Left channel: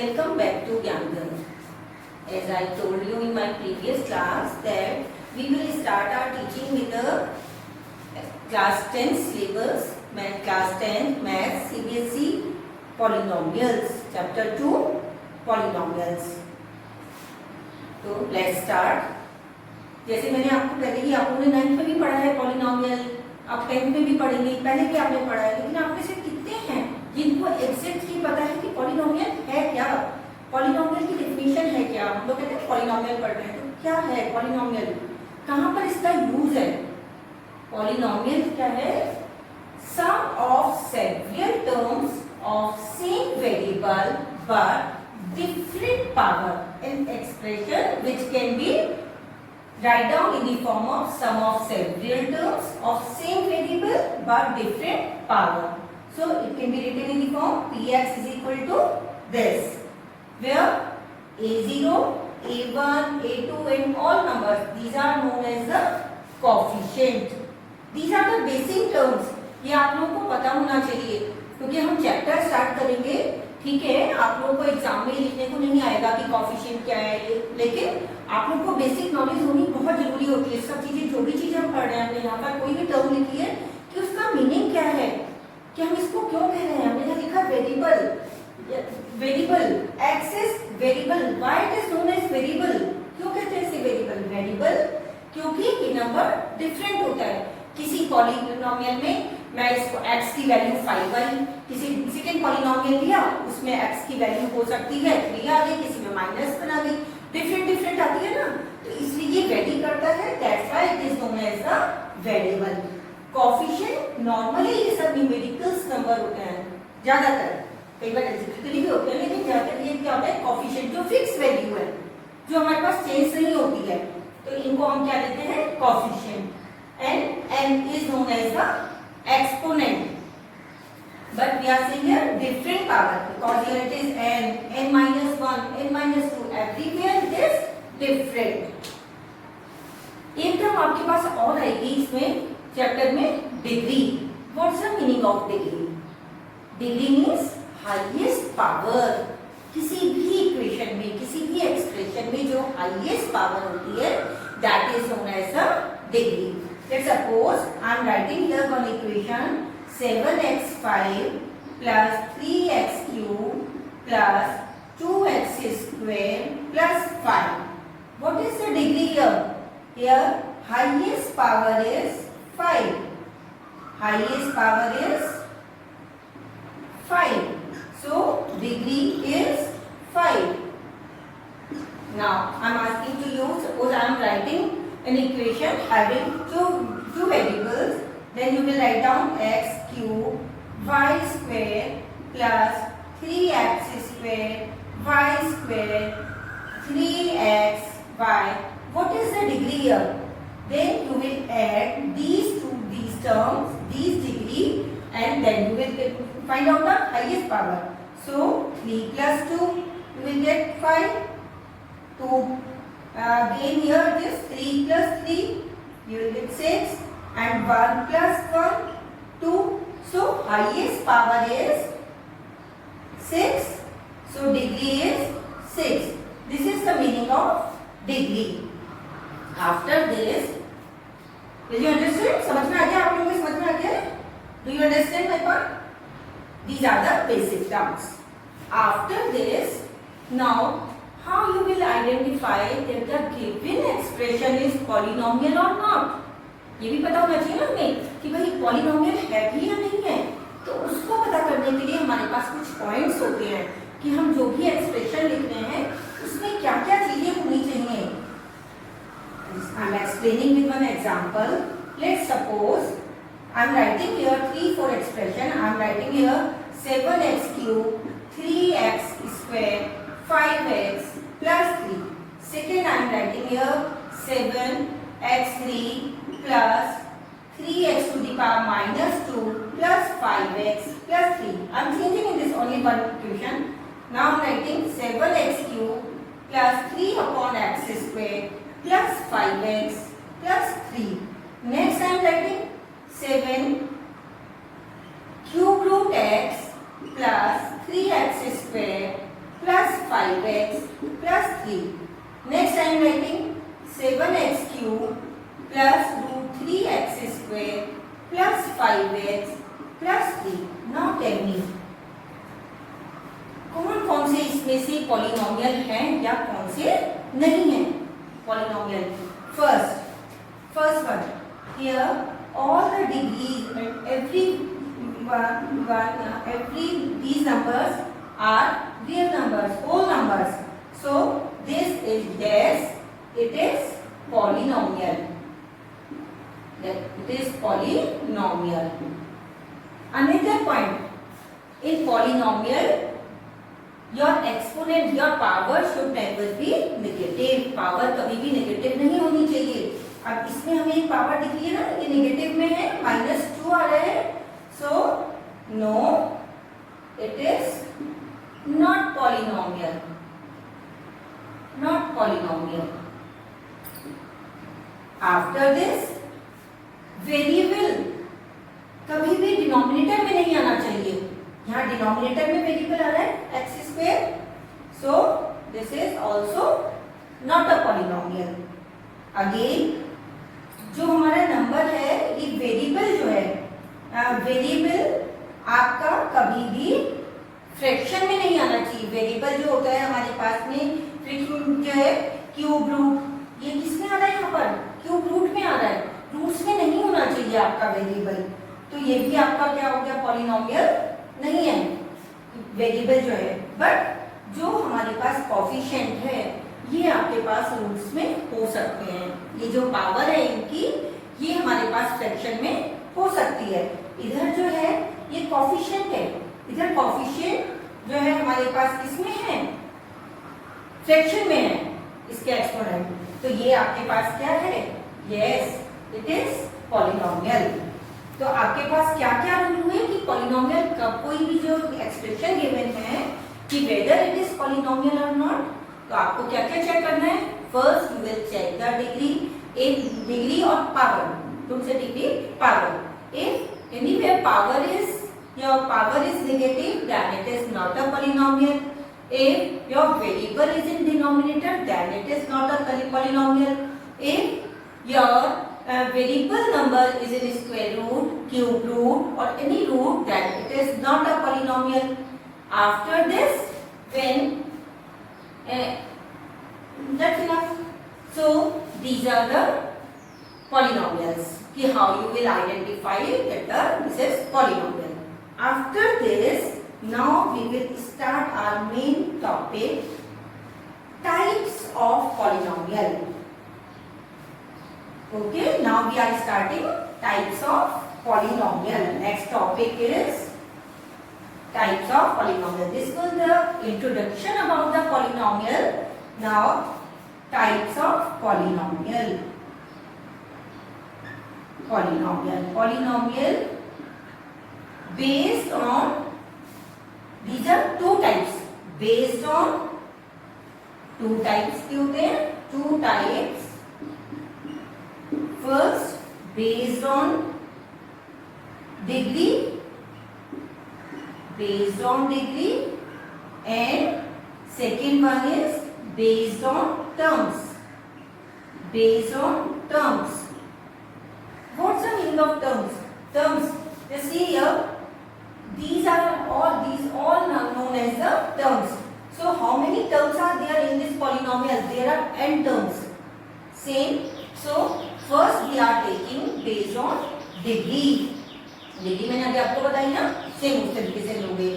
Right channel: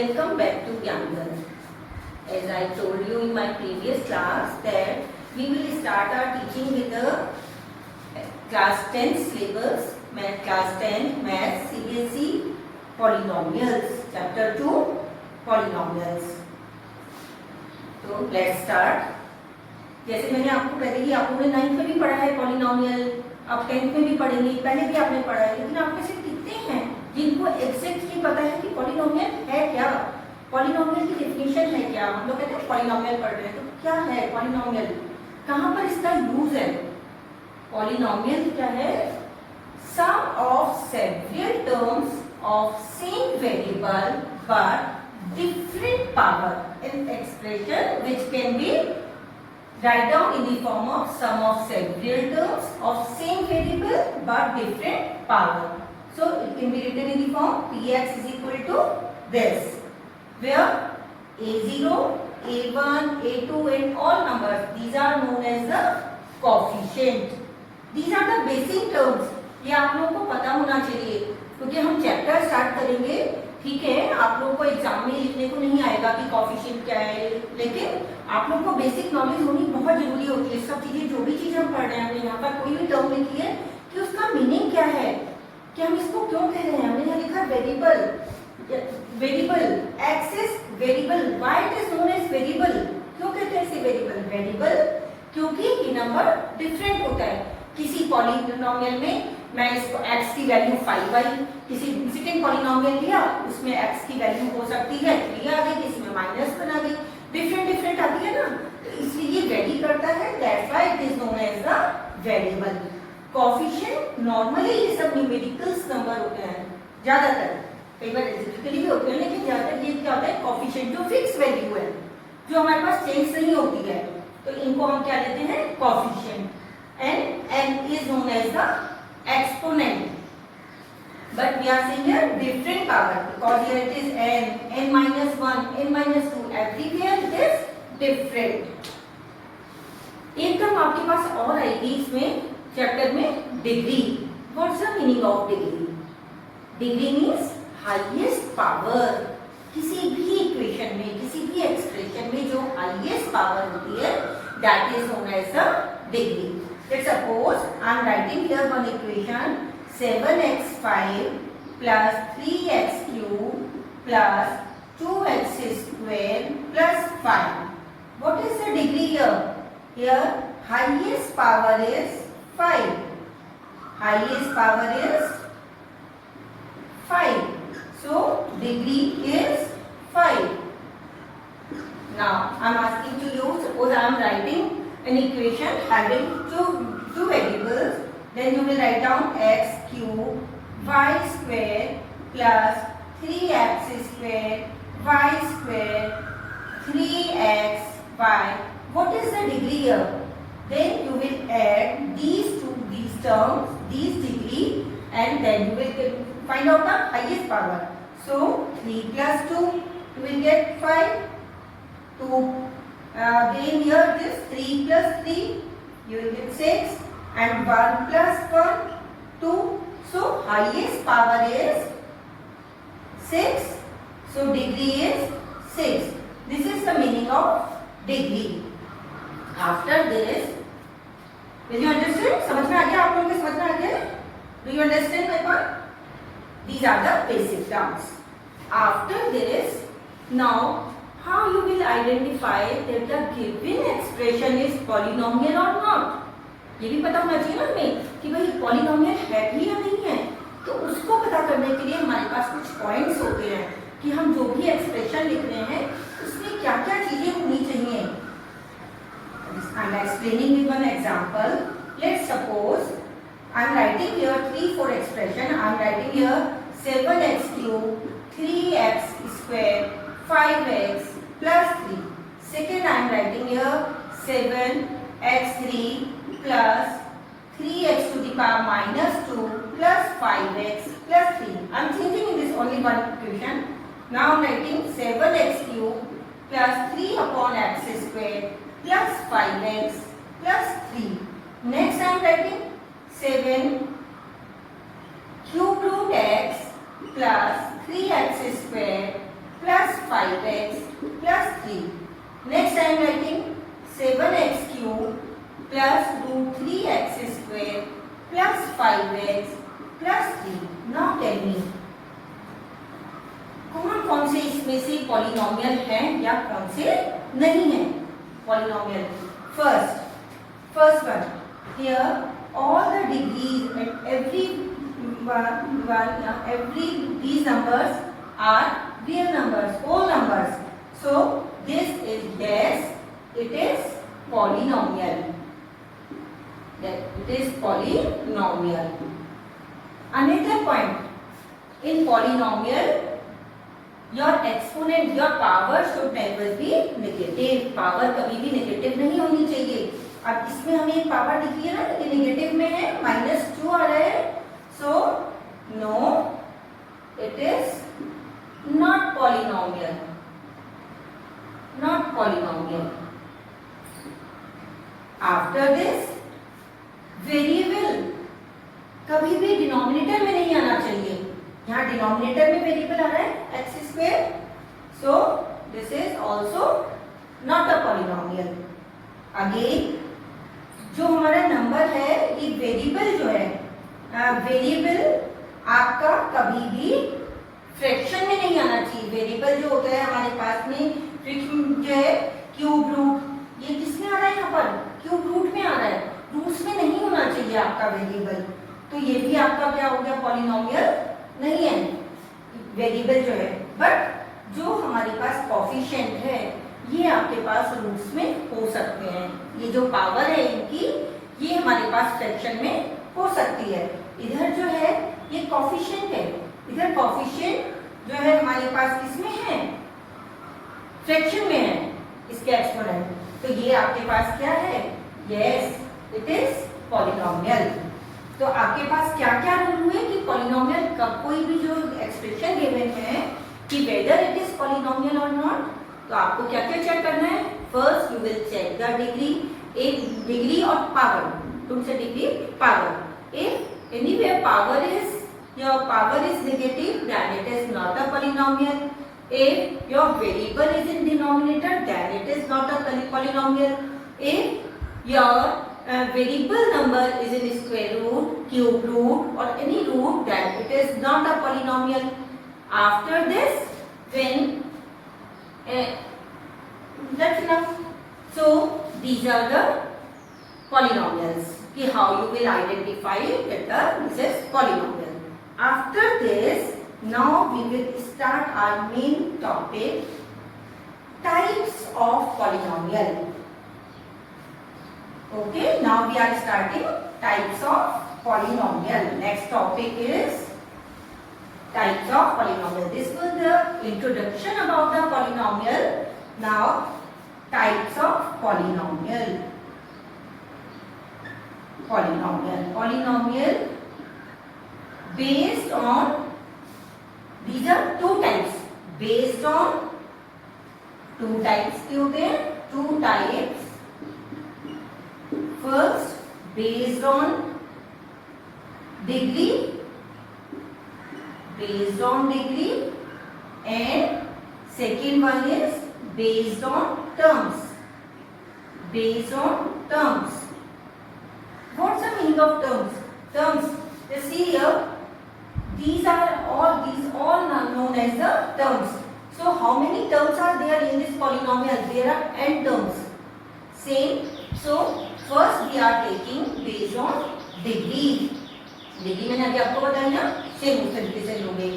Welcome back to Gyangan. As I told you in my previous class that we will start our teaching with the class 10 syllabus, class 10 maths CBSE polynomials, chapter 2 polynomials. तो let's start. जैसे मैंने आपको पहले ही आपने 9th में भी पढ़ा है पॉलिनोमियल, आप 10th में भी पढ़ेंगे, पहले भी आपने पढ़ा है, लेकिन आप में से कितने हैं जिनको एग्जैक्टली पता है कि पॉलिनोमियल है क्या, पॉलिनोमियल की डेफिनेशन है क्या। हम लोग कहते हैं पॉलिनोमियल पढ़ रहे हैं, तो क्या है पॉलिनोमियल, कहाँ पर इसका यूज है। पॉलिनोमियल क्या है? Sum of several terms of same variable but different power in expression which can be write down in the form of sum of several terms of same variable but different power. So it can be written in the form px is equal to this, where a0, a1, a2 and all numbers, these are known as the coefficient. These are the basic terms. ये आप लोगों को पता होना चाहिए क्योंकि हम chapter start करेंगे, ठीक है। आप लोगों को एग्जाम में लिखने को नहीं आएगा कि कोएफिशिएंट क्या है, लेकिन आप लोगों को बेसिक नॉलेज होनी बहुत जरूरी होती है। सब चीजें, जो भी चीजें हम पढ़ रहे हैं, यहाँ पर कोई भी टर्म लिखी है कि उसका मीनिंग क्या है, कि हम इसको क्यों कह रहे हैं। हमने यहाँ लिखा variable, variable axis variable, why it is known as variable, क्यों कहते हैं इसे वेरिएबल। वेरिएबल क्योंकि ये नंबर डिफरेंट होता है। किसी पॉलिनोमियल में मैं इसको x की वैल्यू 5y, किसी सेकंड पॉलिनोमियल लिया उसमें x की वैल्यू हो सकती है 3 आ गई, किसी में -1 आ गई, डिफरेंट डिफरेंट आती है ना, तो इसलिए ये वेरी करता है, that's why it is known as the variable. Coefficient normally ये सब न्यूमेरिकल्स नंबर होते हैं, ज्यादातर, कई बार एल्जेब्रिकली भी होते हैं, लेकिन ज्यादातर ये क्या होता है कोएफिशिएंट जो फिक्स वैल्यू है, जो हमारे पास चेंज नहीं होती है, तो इनको हम क्या लेते हैं coefficient. And n is known as the exponent, but we are saying here different power because here it is n minus 1, n minus 2, everywhere it is different. एक टर्म आपके पास और आएगी इसमें चैप्टर में, degree. What's the meaning of degree? Degree means highest power. किसी भी equation में, किसी भी एक्सप्रेशन में जो हाईएस्ट पावर होती है, that is known as the degree. Let's suppose I am writing here one equation 7x5 plus 3x cube plus 2x square plus 5. What is the degree here? Here highest power is 5. Highest power is 5. So degree is 5. Now I am asking to you, suppose I am writing an equation having two variables, then you will write down x cube y square plus 3x square y square 3xy. What is the degree here? Then you will add these terms, these degree, and then you will find out the highest power. So 3 plus 2 you will get 5. 2 then here this 3 plus 3 you will get 6 and 1 plus 1 2. So highest power is 6. So degree is 6. This is the meaning of degree. After this, did you understand? समझ में आ गया आप लोगों को? समझ में आ गया? Do you understand my point? These are the basic terms. After this, now how you will identify that the given expression is polynomial or not? ये भी पता होना चाहिए ना हमें कि भाई पॉलिनोमियल है भी या नहीं है। तो उसको पता करने के लिए हमारे पास कुछ पॉइंट्स होते हैं कि हम जो भी एक्सप्रेशन लिख रहे हैं उसमें क्या क्या चीजें होनी चाहिए। I am explaining with one example. Let's suppose I am writing here 3, 4 expression. I am writing here 7x cube, 3x square, 5x plus 3. Second I am writing here 7x3 plus 3x to the power minus 2 plus 5x plus 3. I am changing in this only one equation. Now I am writing 7x cube plus 3 upon x square plus 5x plus 3. Next I am writing 7 cube root x plus 3x square plus 5x plus 3. Next I am writing 7x cube plus root 3x square plus 5x plus 3. Now tell me कौन कौन से इसमें से polynomial हैं या कौन से नहीं हैं polynomial. First one, here all the degrees and these numbers are real numbers, whole numbers. So this is yes, it is polynomial. It is polynomial. Another point, in polynomial your exponent, your power should never be negative. Power कभी भी negative नहीं होनी चाहिए. अब इसमें हमें एक power दिख रही है ना, ये नेगेटिव में है, -2 आ रहा है. So no, it is not polynomial. Not polynomial. After this, variable कभी भी डिनोमिनेटर में नहीं आना चाहिए. यहाँ डिनोमिनेटर में वेरिएबल आ रहा है x square. So this is also not a polynomial. Again जो हमारा नंबर है, ये वेरिएबल जो है, वेरिएबल आपका कभी भी फ्रैक्शन में नहीं आना चाहिए. वेरिएबल जो होता है हमारे पास में, फ्रैक्शन जो है क्यूब रूट, ये किसमें आ रहा है, यहाँ पर क्यूब रूट में आ रहा है, रूट्स में नहीं होना चाहिए आपका वेरिएबल. तो ये भी आपका क्या हो गया, पॉलिनोमियल नहीं है वेरिएबल जो है. बट जो हमारे पास कोफिशिएंट है, ये आपके पास रूट्स में हो सकते हैं. ये जो पावर है इनकी, ये हमारे पास फ्रैक्शन में हो सकती है. इधर जो है ये कोफिशिएंट है, इधर कोफिशिएंट जो है हमारे पास किसमें है, फ्रैक्शन में है, इसके एक्सपोनेंट. तो ये आपके पास क्या है, यस, इट इज पॉलिनोमियल. तो आपके पास क्या क्या रूल हुए कि पॉलिनोमियल कब, कोई भी जो एक्सप्रेशन गिवन है कि वेदर इट इज पॉलिनोमियल और नॉट, तो आपको क्या क्या चेक करना है. First you will check the degree, एक डिग्री और पावर, तुम से degree power. If anywhere power is, your power is negative, then it is not a polynomial. If your variable is in denominator, then it is not a polynomial. If your variable number is in square root, cube root or any root, then it is not a polynomial. After this, when that's enough. So these are the polynomials. कि how you will identify that this is polynomial. After this, now we will start our main topic, types of polynomial. Okay, now we are starting types of polynomial. Next topic is types of polynomial. This was the introduction about the polynomial. Now types of polynomial. Polynomial based on, these are two types, based on two types के होते हैं, two types. First, based on degree, and second one is based on terms. What's the meaning of terms? Terms, you see here, these all known as the terms. So how many terms are there in this polynomial? There are n terms. Same. So first we are taking based on degree. Degree मैंने अभी आपको बताई ना, same उस तरीके से लोगे.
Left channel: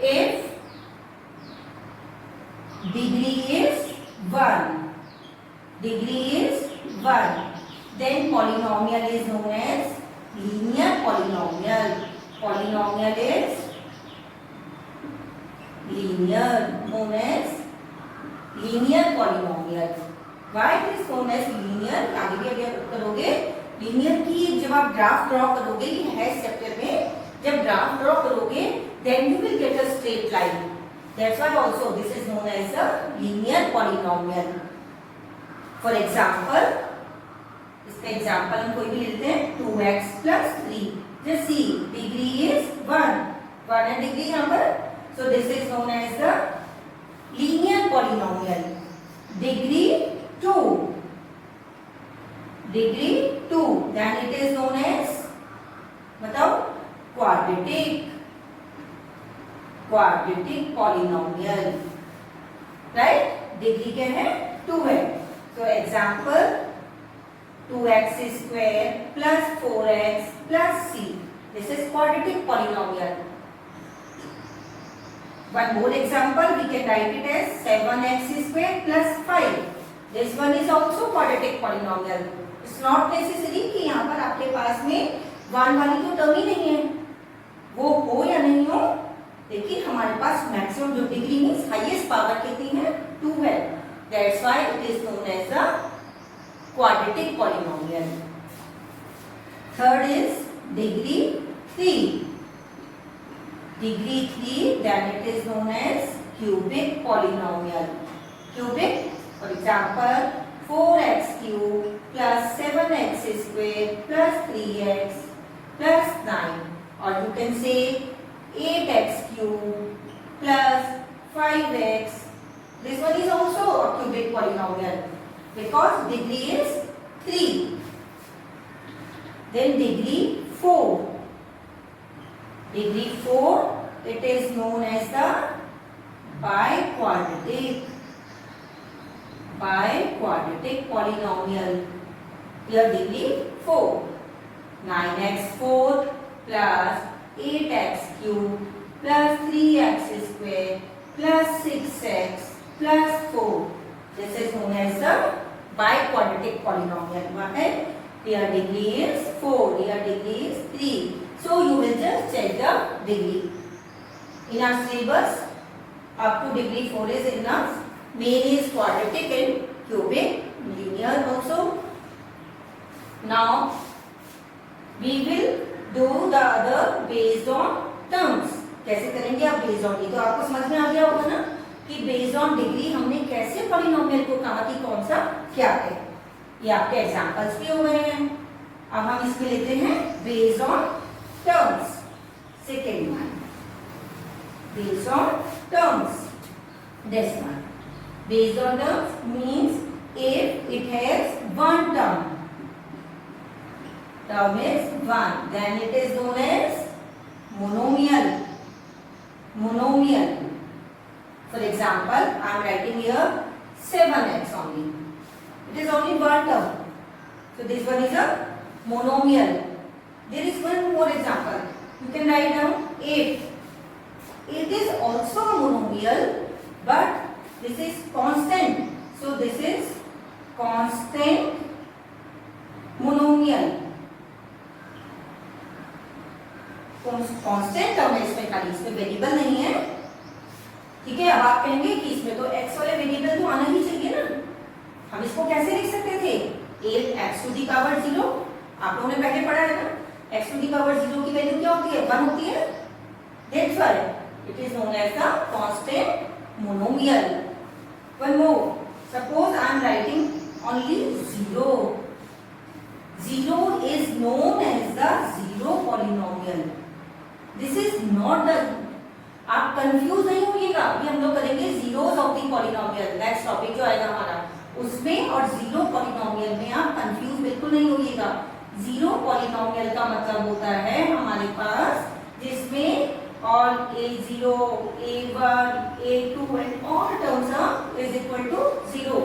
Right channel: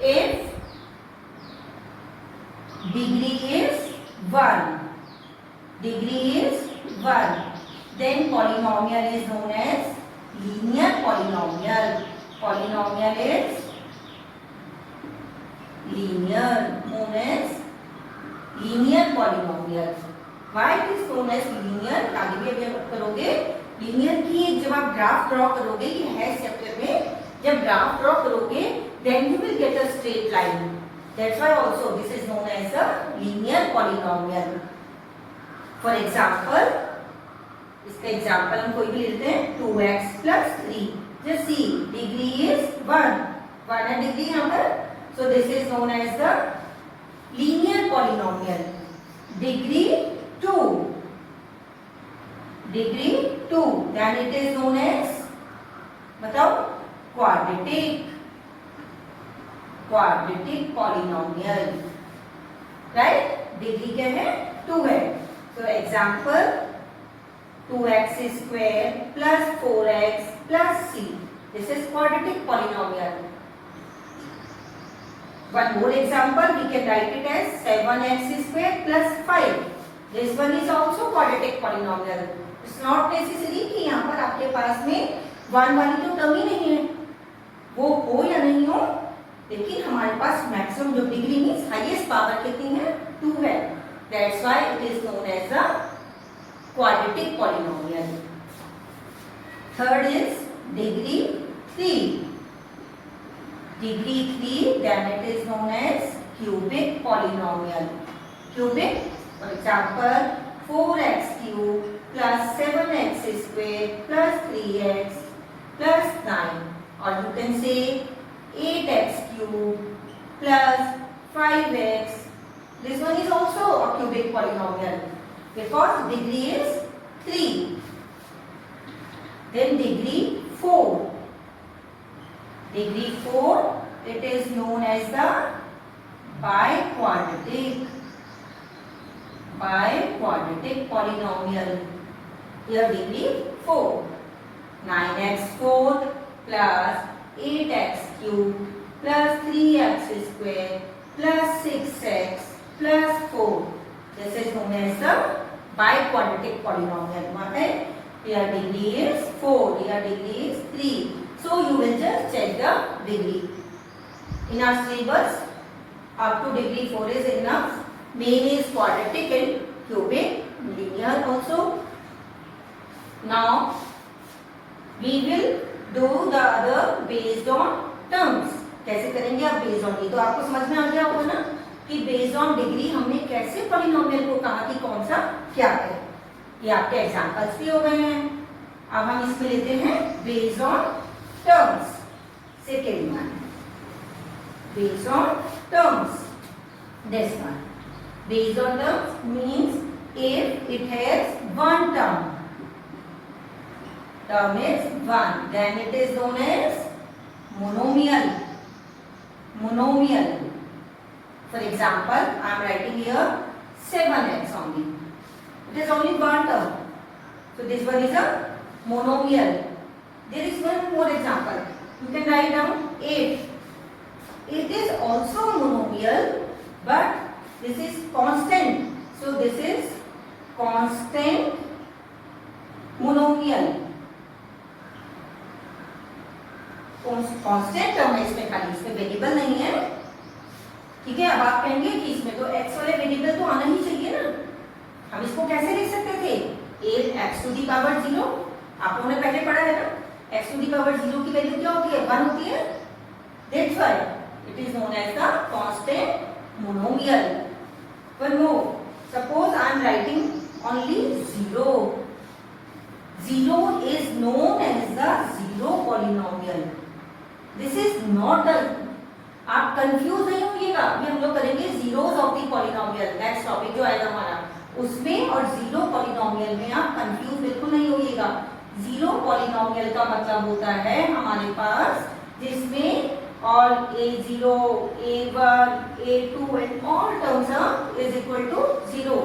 If degree is 1, then polynomial is known as linear polynomial. Polynomial is linear, known as linear polynomial. Why it is known as linear? आगे भी अभी करोगे. linear की जब आप ग्राफ ड्रॉ करोगे, ये है चैप्टर में, जब ग्राफ ड्रॉ करोगे then you will get a straight line. That's why also this is known as a linear polynomial. For example, इसका एग्जाम्पल हम कोई भी लेते हैं, 2x plus 3. Just see, degree is 1 है डिग्री यहाँ पर. So this is known as the linear polynomial. Degree 2. Degree 2. Then it is known as, बताओ, quadratic. Quadratic polynomial. Right? Degree क्या है? 2 है. So example, 2x square plus 4x plus c. This is quadratic polynomial. One more example, we can write it as 7x square plus 5. This one is also quadratic polynomial. It's not necessary कि यहाँ पर आपके पास में 1 वाली तो term ही नहीं है, वो हो या नहीं हो, लेकिन हमारे पास मैक्सिमम जो डिग्री मीन्स हाईएस्ट पावर कितनी है? 2 है. That's why it is known as the quadratic polynomial. Third is degree 3. Degree 3, then it is known as cubic polynomial. Cubic, for example, 4x cube plus 7x square plus 3x plus 9. Or you can say 8x cube plus 5x. This one is also a cubic polynomial because degree is 3. Then degree 4. Degree 4, it is known as the biquadratic. Biquadratic polynomial. Here degree 4. 9x4 plus 8x cube plus 3x square plus 6x plus 4. This is known as the biquadratic polynomial. What है? Here degree is 4. Here degree is 3. So you will just check the degree. In our syllabus, up to degree 4 is enough. Main is quadratic and cubic, linear also. Now we will do the other based on terms. कैसे करेंगे आप based on? ये तो आपको समझ में आ गया होगा ना कि based on degree हमने कैसे polynomial को कहा कि कौन सा क्या है. ये आपके एग्जांपल्स भी हो गए हैं. अब हम इसमें लेते हैं based on terms. Second one, based on terms. This one, based on terms means if it has one term. Term is 1, then it is known as monomial. Monomial. For example, I am writing here 7x only. It is only one term. So this one is a monomial. There is one more example. You can write down 8. It is also a monomial, but this is constant. So this is constant monomial. Constant term है इसमें, खाली इसमें variable नहीं है. ठीक है. अब आप कहेंगे कि इसमें तो x वाले वेरिएबल तो आना ही चाहिए ना. हम इसको कैसे लिख सकते थे? 8x to the power 0. आप लोगों ने पहले पढ़ा है ना, x टू दी पावर 0 की वैल्यू क्या होती है? 1 होती है. That's why it is known as the constant monomial. One more. Suppose I am writing only 0. 0 is known as the zero polynomial. This is not the. आप confuse नहीं होइएगा. अभी हम लोग करेंगे zeros of the polynomial. Next topic जो आएगा हमारा उसमें, और जीरो पॉलिनोमियल में आप कंफ्यूज बिल्कुल नहीं होइएगा. जीरो पॉलिनोमियल का मतलब होता है हमारे पास जिसमें all a0, a1, a2 and all terms are is equal to 0.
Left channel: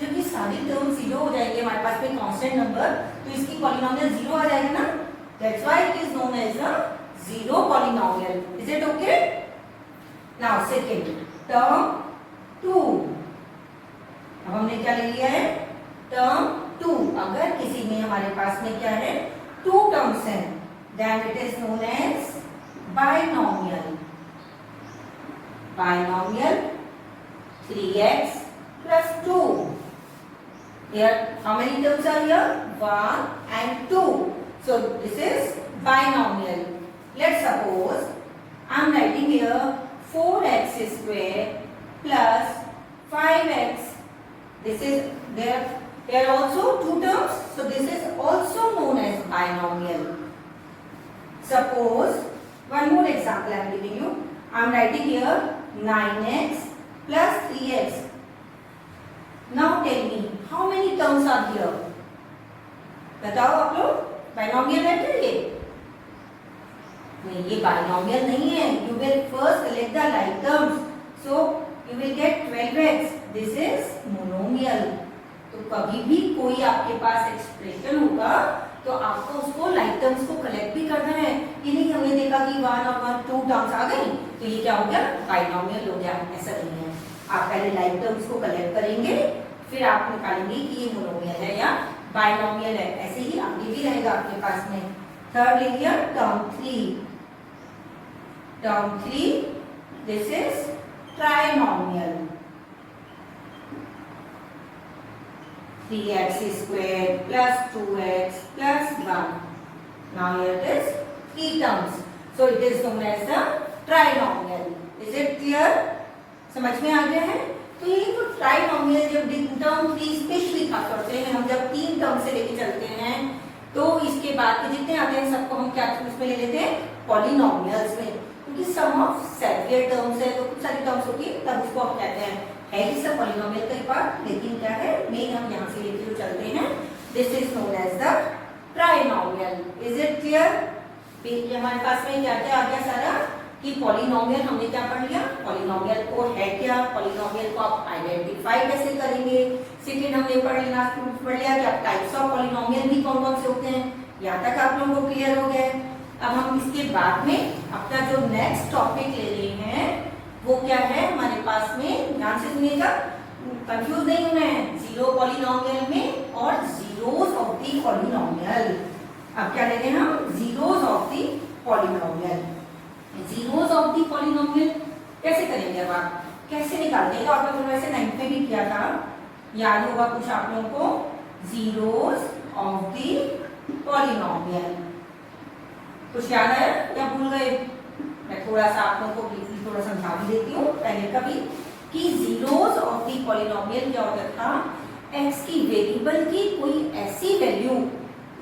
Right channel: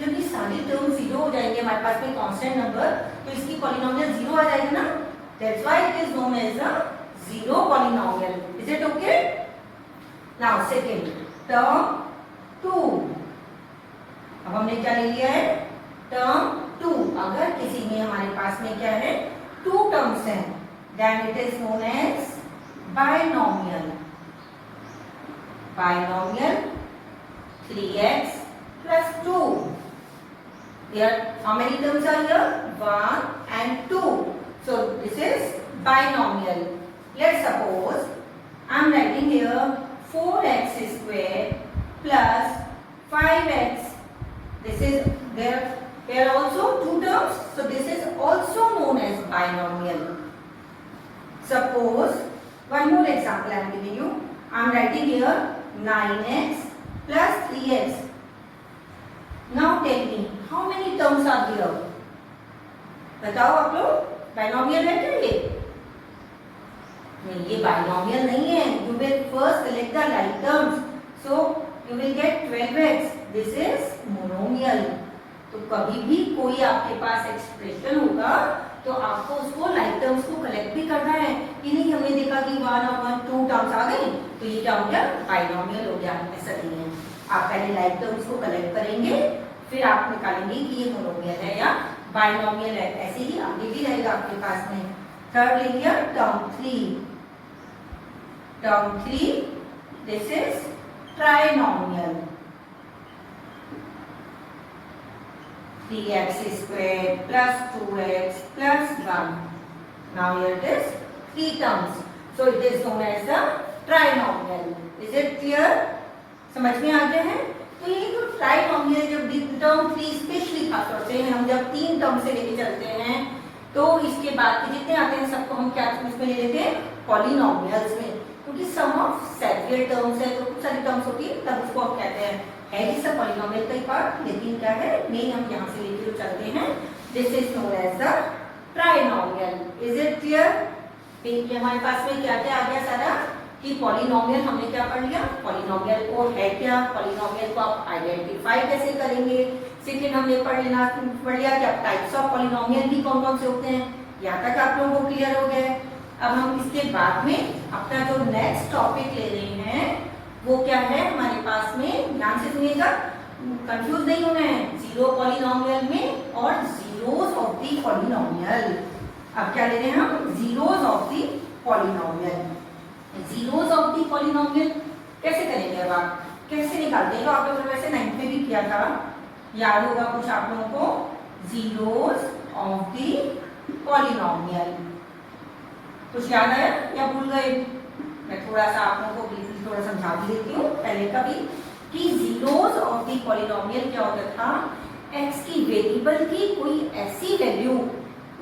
जब ये सारी टर्म 0 हो जाएंगे हमारे पास कोई कांस्टेंट नंबर, तो इसकी पॉलिनोमियल 0 आ जाएगा ना. That's why it is known as a zero polynomial. Is it okay? Now second term 2. अब हमने क्या ले लिया है? टर्म 2. अगर किसी में हमारे पास में क्या है? 2 टर्म्स हैं, then it is known as binomial. Binomial 3x plus 2. Here how many terms are here? 1 and 2. So this is binomial. Let's suppose I am writing here 4x square plus 5x. This is there are also 2 terms, so this is also known as binomial. Suppose one more example I am giving you. I am writing here 9x plus 3x. Now tell me how many terms are here? बताओ आप लोग, binomial है क्या ये? नहीं, ये binomial नहीं है. You will first select the like terms, so you will get 12x. This is monomial. तो कभी भी कोई आपके पास एक्सप्रेशन होगा तो आपको उसको लाइक टर्म्स को कलेक्ट भी करना है. ये नहीं हमने देखा कि 1 और 2 टर्म्स आ गई तो ये क्या हो गया, बाइनोमियल हो गया. ऐसा नहीं है. आप पहले लाइक टर्म्स को कलेक्ट करेंगे, फिर आप निकालेंगे कि ये मोनोमियल है या बाइनोमियल है. ऐसे ही आगे भी रहेगा आपके पास में. थर्ड ले लिया term 3. Term 3 this is trinomial. 3x squared plus 2x plus 1. Now here it is 3 terms. So it is known as the trinomial. Is it clear? समझ में आ गया है? तो ये जो ट्राइनोमियल जब टर्म 3 स्पेशली खास करते हैं, हम जब 3 टर्म से लेके चलते हैं तो इसके बाद के जितने आते हैं सबको हम क्या उसमें ले लेते हैं, पॉलिनोमियल्स में. क्योंकि सम ऑफ सेवियर टर्म्स है तो कुछ सारी टर्म्स होती है तब उसको आप कहते हैं है कि सब पॉलिनोमियल का ही पार्ट, लेकिन क्या है नहीं, हम यहाँ से लेके जो चलते हैं this is known as the trinomial. Is it clear? ये हमारे पास में क्या क्या आ गया सारा कि पॉलिनोमियल हमने क्या पढ़ लिया, पॉलिनोमियल को है क्या, पॉलिनोमियल को आप आइडेंटिफाई कैसे करेंगे. सेकेंड हमने पढ़ लिया कि आप टाइप्स ऑफ पॉलिनोमियल भी कौन कौन से होते हैं. यहाँ तक आप लोगों को क्लियर हो गया. अब हम इसके बाद में अपना जो नेक्स्ट टॉपिक ले रहे हैं वो क्या है हमारे पास में, ध्यान से सुनिएगा, कंफ्यूज नहीं होना है. जीरो पॉलिनोमियल में और जीरोस ऑफ द पॉलिनोमियल. अब क्या ले रहे हैं हम, zeros of the polynomial. Zeros of the polynomial कैसे करेंगे, अब आप कैसे निकालते हैं. आप लोगों ने वैसे 9th में भी किया था, याद होगा कुछ आप लोगों को. जीरोस ऑफ द पॉलिनोमियल कुछ याद आया या भूल गए? मैं थोड़ा सा आप लोगों को ब्रीफली थोड़ा समझा भी देती हूँ पहले का भी कि जीरोस ऑफ द पॉलिनोमियल क्या होता था, एक्स की वेरिएबल की कोई ऐसी वैल्यू,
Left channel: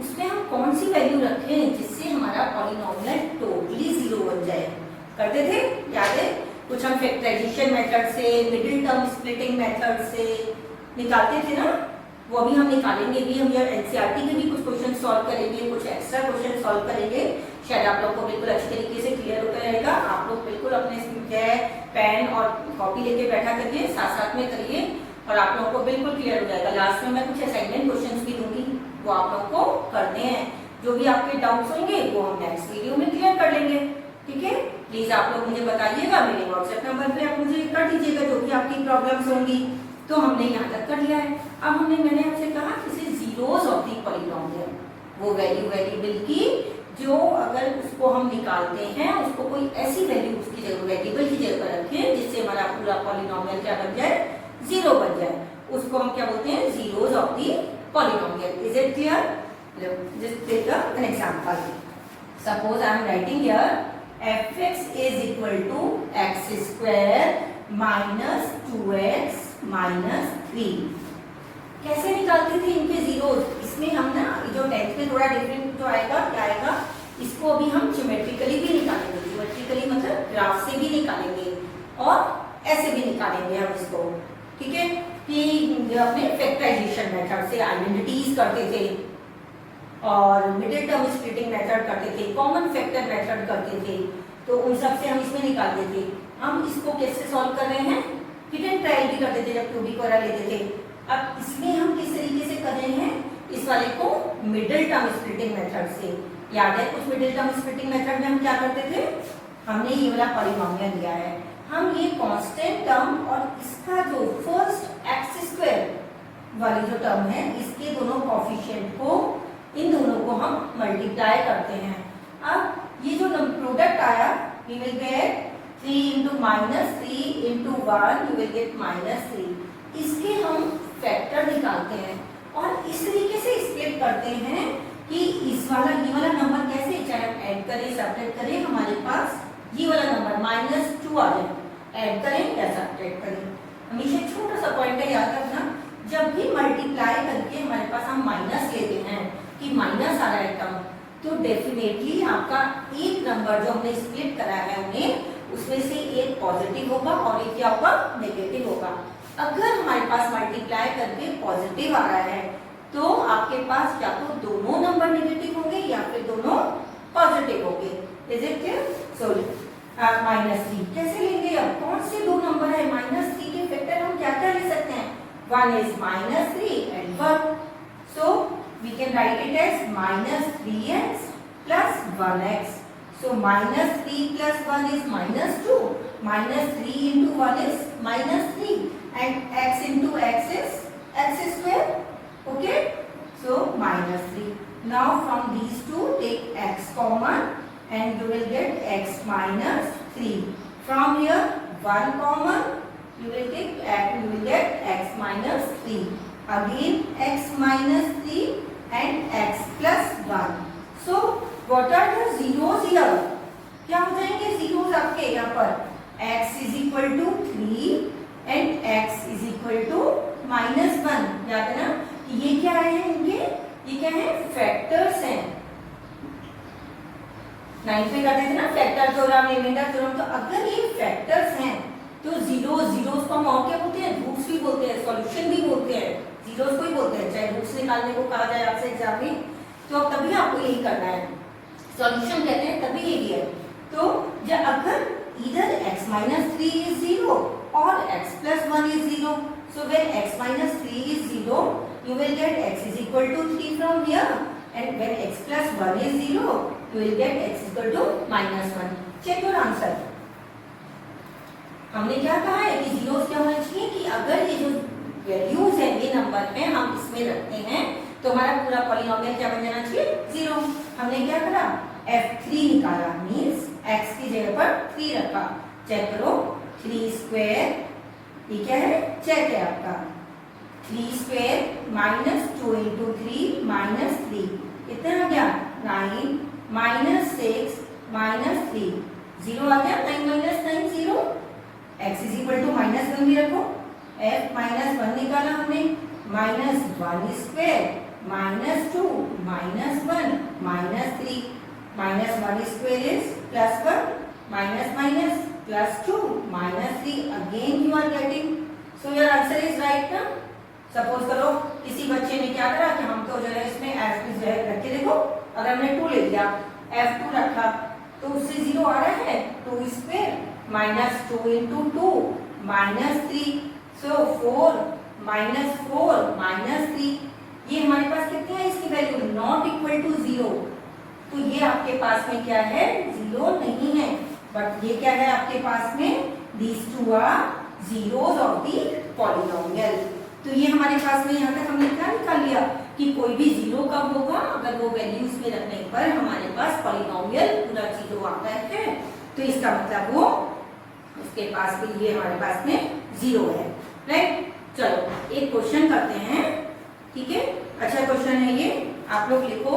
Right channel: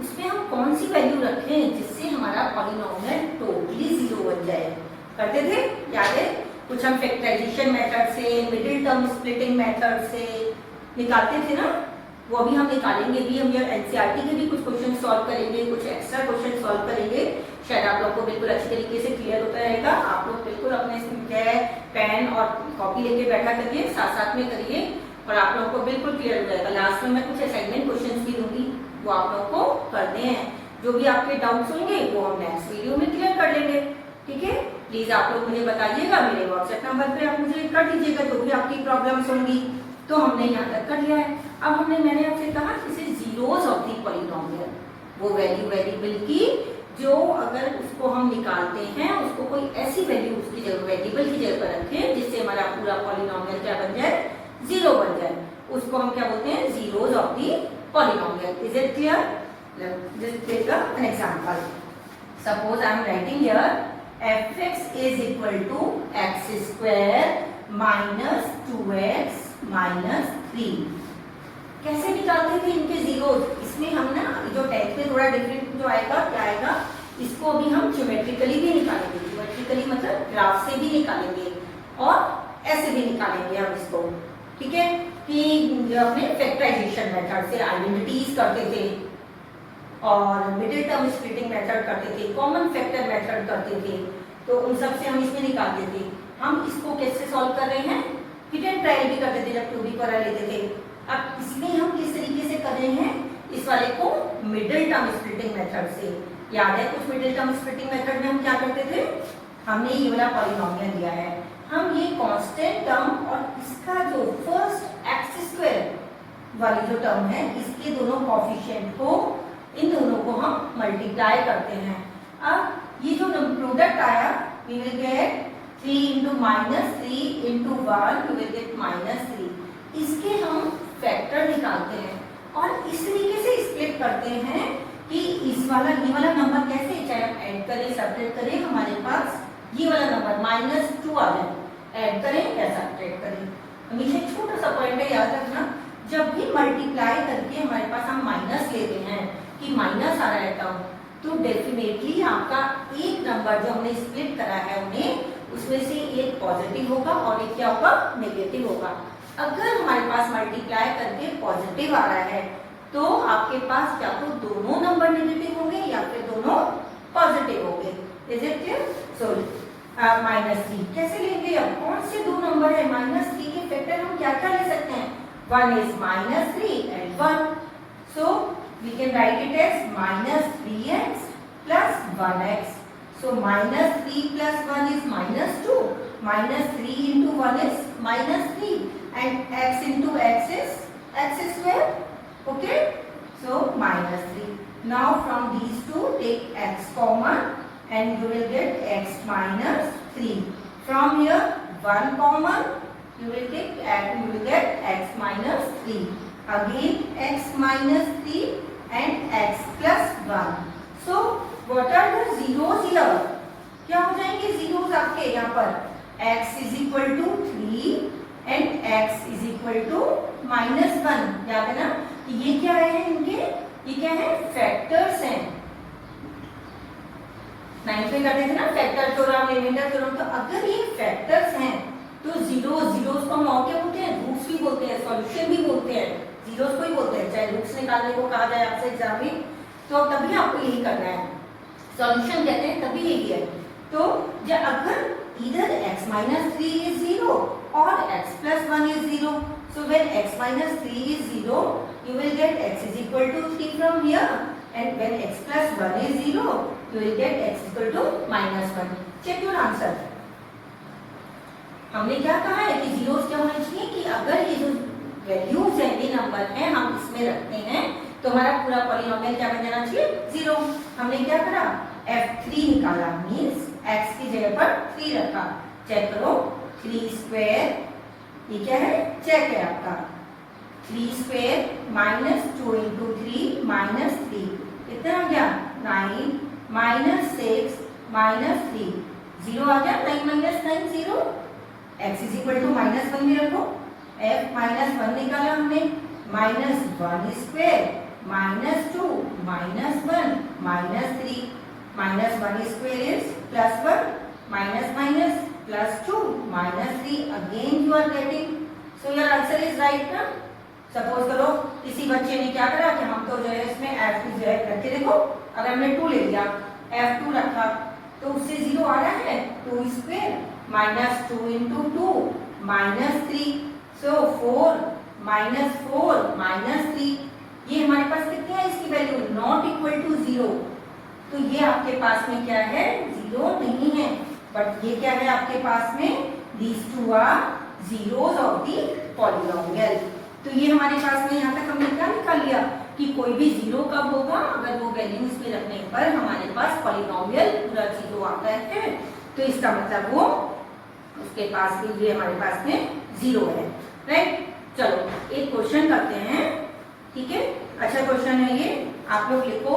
उसमें हम कौन सी वैल्यू रखें जिससे हमारा पॉलिनोमियल टोटली जीरो बन जाए. करते थे, याद है? कुछ हम फैक्टराइजेशन मेथड से, मिडिल टर्म स्प्लिटिंग मेथड से निकालते थे ना, वो भी हम निकालेंगे भी. हम एनसीईआरटी के भी कुछ क्वेश्चन सॉल्व करेंगे, कुछ एक्स्ट्रा क्वेश्चन सॉल्व करेंगे. शायद आप लोग को बिल्कुल अच्छी तरीके से क्लियर होता रहेगा. आप लोग बिल्कुल अपने जो है पेन और कॉपी लेके बैठा करिए, साथ साथ में करिए और आप लोगों को बिल्कुल क्लियर हो जाएगा. लास्ट में मैं कुछ असाइनमेंट क्वेश्चंस भी दूंगी, वो आप लोग को करने हैं. जो भी आपके डाउट्स होंगे वो हम नेक्स्ट वीडियो में क्लियर कर लेंगे. ठीक है, प्लीज आप लोग मुझे बताइएगा, मेरे व्हाट्सएप नंबर पे आप मुझे कर दीजिएगा जो भी आपकी प्रॉब्लम्स होंगी. तो हमने यहाँ तक कर लिया है. अब मैंने आपसे कहा इसे जीरोस ऑफ द पॉलिनोमियल, वो वैल्यू वेरिएबल की जो अगर उसको हम निकालते हैं उसको कोई ऐसी वैल्यू उसकी जगह वेरिएबल की जगह पर रखें जिससे हमारा पूरा पॉलिनोमियल क्या बन जाए, जीरो बन जाए. उसको हम क्या बोलते हैं, zeros of the polynomial. Is it clear? Just take an example. Suppose I am writing here fx is equal to x square minus 2x minus 3. कैसे निकालते थे इनके जीरोस? इसमें हम ना जो 10th में थोड़ा डिफरेंट जो आएगा क्या आएगा, इसको अभी हम ज्योमेट्रिकली भी निकालेंगे. ज्योमेट्रिकली मतलब ग्राफ से भी निकालेंगे और ऐसे भी निकालेंगे हम इसको. ठीक है, कि जो अपने फैक्टराइजेशन मेथड से आइडेंटिटीज करते थे और मिडिल टर्म स्प्लिटिंग मेथड करते थे, कॉमन फैक्टर मेथड करते थे, तो उन सब से हम इसमें निकालते थे. हम इसको कैसे सॉल्व कर रहे हैं, हिट एंड ट्रायल भी करते थे जब 2D पर लेते थे. अब इसमें हम किस तरीके से कर रहे हैं, इस वाले को मिडिल टर्म स्प्लिटिंग मेथड से. याद है कुछ मिडिल टर्म स्प्लिटिंग मेथड में हम क्या करते थे, हमने ये वाला पॉलिनोमियल लिया है, हम ये कांस्टेंट टर्म और इसका जो फर्स्ट एक्स स्क्वायर वाली जो टर्म है इसके दोनों कोएफिशिएंट को, इन दोनों को हम मल्टीप्लाई करते हैं. अब ये जो प्रोडक्ट आया we will get 3 into -3 into 1 you will get -3. इसके हम फैक्टर निकालते हैं और इस तरीके से स्प्लिट करते हैं कि इस वाला ये वाला नंबर कैसे, चाहे हम ऐड करें सब्ट्रैक्ट करें, हमारे पास ये वाला नंबर -2 आ जाए, ऐड करें या सब्ट्रैक्ट करें. हमेशा छोटा सा पॉइंट है याद रखना, जब भी मल्टीप्लाई करके हमारे पास हम माइनस लेते हैं कि माइनस आ रहा है टर्म, तो डेफिनेटली आपका एक नंबर जो हमने स्प्लिट करा है उन्हें उसमें से एक पॉजिटिव होगा और एक क्या होगा, नेगेटिव होगा। अगर हमारे पास मल्टीप्लाई करके पॉजिटिव आ रहा है तो आपके पास या तो दोनों नंबर नेगेटिव होंगे या फिर दोनों पॉजिटिव होंगे। Is it clear? सो -3 कैसे लेंगे? अब कौन से दो नंबर है? -3 के फैक्टर हम क्या क्या ले सकते हैं? 1 is -3 and 1. So we can write it as -3x plus 1x. So -3 plus 1 is -2. -3 into 1 is -3 and x into x is x square. Okay? So -3. Now from these two take x common and you will get x minus 3. From here 1 common, you will take you will get x minus 3. Again x minus 3 and x plus 1. So what are the zeros here? क्या हो जाएंगे zeros आपके यहाँ पर? x is equal to 3 and x is equal to -1. याद है ना? ये क्या है इनके? ये क्या है? फैक्टर्स हैं। 9th में करते थे ना फैक्टर थ्योरम, रिमाइंडर थ्योरम। तो अगर ये फैक्टर्स हैं तो जीरोस को हम और क्या बोलते हैं? रूट्स भी बोलते हैं, सॉल्यूशन भी बोलते हैं, जीरोस को ही बोलते हैं। चाहे रूट्स निकालने को कहा जाए आपसे एग्जाम में तो तभी आपको यही करना है, सॉल्यूशन कहते हैं, तभी यही है। तो जब अगर इधर x minus 3 is 0 or x plus 1 is 0, so when x minus 3 is 0, you will get x is equal to 3 from here, and when x plus 1 is 0, you will get x equal to -1. Check your answer. हमने क्या कहा है कि zeros क्या होना चाहिए कि अगर ये जो वैल्यूज है, ये नंबर है, हम इसमें रखते हैं तो हमारा पूरा पॉलिनोमियल क्या बन जाना चाहिए? 0। हमने क्या करा? f3 निकाला, मीन्स x की जगह पर 3 रखा। चेक करो 3 स्क्वायर, ये क्या है? चेक है आपका 3 स्क्वायर -2 into 3 -3 कितना आ गया? 9 -6 -3 0 आ गया। 9 - 9 0। x is equal to -1 भी रखो। f -1 निकाला हमने, -1 square -2 -1 -3 -1 square is +1 minus +2 -3. Again you are getting, so your answer is right ना? सपोज करो किसी बच्चे ने क्या करा कि हम तो जो है इसमें f की जगह रख के देखो, अगर हमने 2 ले लिया, f2 रखा तो उससे 0 आ रहा है। 2 स्क्वायर -2 into 2 -3, so 4 -3। ये हमारे पास कितनी है इसकी वैल्यू? Not equal to 0। तो ये आपके पास में क्या है? 0 नहीं है, बट ये क्या है आपके पास में? these two are zeros of the polynomial। तो ये हमारे पास में यहाँ तक हमने क्या निकाल लिया कि कोई भी 0 कब होगा? अगर वो वैल्यूज में रखने पर हमारे पास पॉलिनोमियल पूरा 0 आता है, तो इसका मतलब वो उसके पास भी ये हमारे पास में 0 है। राइट? चलो एक क्वेश्चन करते हैं, ठीक है? अच्छा क्वेश्चन है ये, आप लोग लिखो,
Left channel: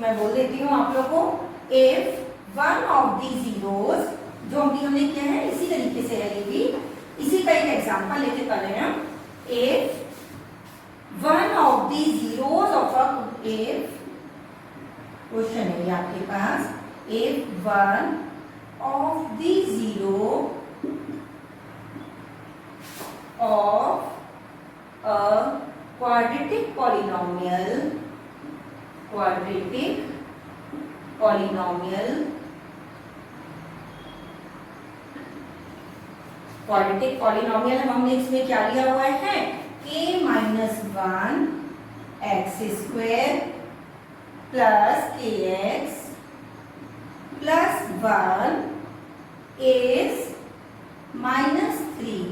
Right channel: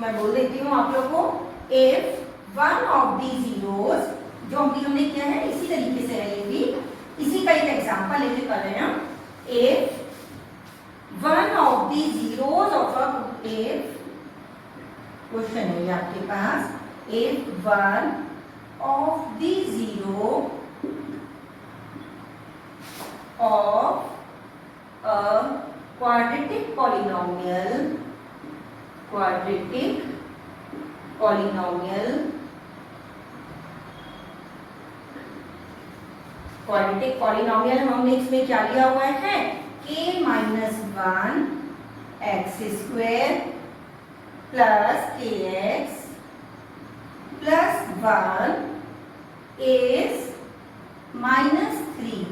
मैं बोल देती हूँ आप लोग को। If one of the zeros, जो हमने किया है इसी तरीके से है, ये भी इसी का एक एग्जांपल लेके कर रहे हैं। If one of the zeros of a, if question है ये आपके पास, if one of the zero of a quadratic polynomial हमने इसमें क्या लिया हुआ है? k -1 x square plus kx plus 1 is -3.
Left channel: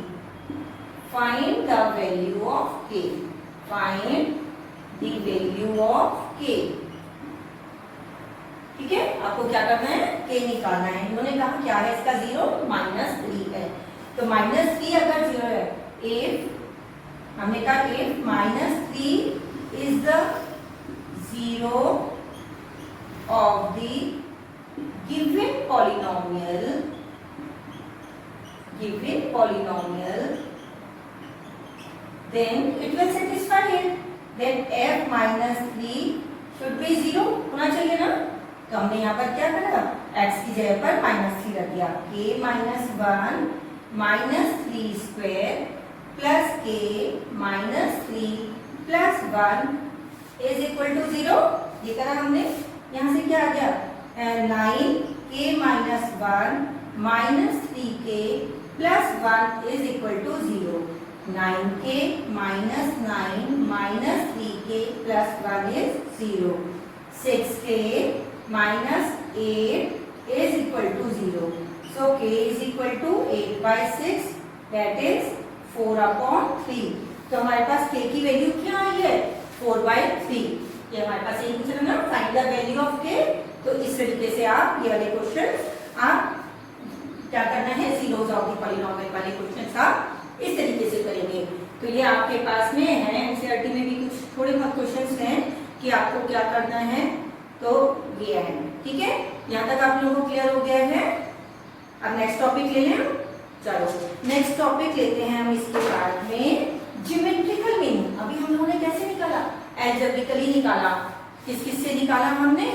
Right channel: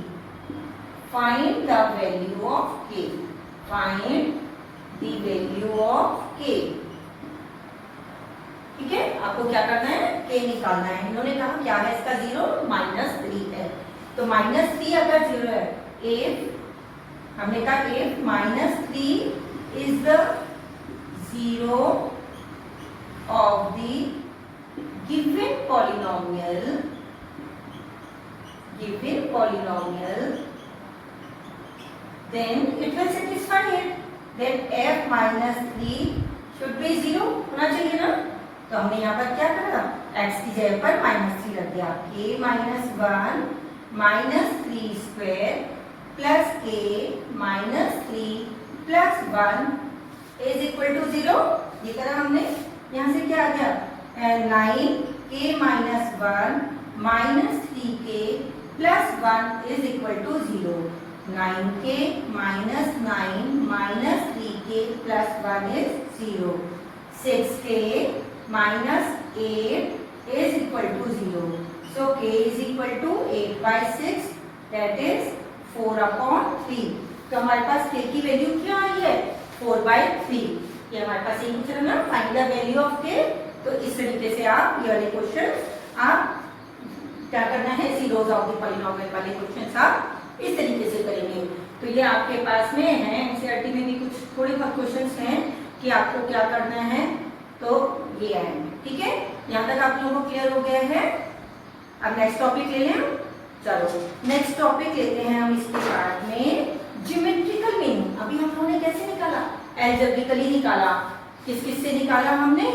Find the value of k. Find the value of k. ठीक है, आपको क्या करना है? k निकालना है। इन्होंने कहा क्या है इसका 0? -3 है। तो -3 अगर 0 है, if हमने कहा if -3 is the zero of the given polynomial, then it will satisfy it. Then f -3 should be 0 होना चाहिए ना? तो हमने यहाँ पर क्या करा, x की जगह पर -3 रख दिया। k minus 1 minus 3 square plus k minus 3 plus 1 is equal to 0। ये करा हमने। यहाँ से क्या आ गया, 9k minus 1 minus 3k plus 1 is equal to 0। 9k minus 9 minus 3k plus 1 is 0। 6k minus 8 is equal to 0. So k is equal to 8 by 6, that is 4 upon 3. तो हमारे पास k की वैल्यू क्या आई है, 4 by 3। ये हमारे पास एक पूछा ना, find the value of k। तो इस तरीके से आप ये वाले क्वेश्चन आप क्या करना है, जीरोस ऑफ द पॉलिनोमियल वाले क्वेश्चन आप इस तरीके से करेंगे। तो ये आपके पास में है, एनसीईआरटी में भी कुछ थोड़े बहुत क्वेश्चंस हैं कि आपको क्या करना है। तो ये है, ठीक है। यहाँ तक आप लोगों को क्लियर हो गया है। अब नेक्स्ट टॉपिक ले लें। चलो नेक्स्ट टॉपिक लेते हैं हम इसके बाद में ज्योमेट्रिकल मीनिंग। अभी हम लोगों ने कैसे निकाला, एल्जेब्रिकली निकाला। किस किस से निकाला हमने,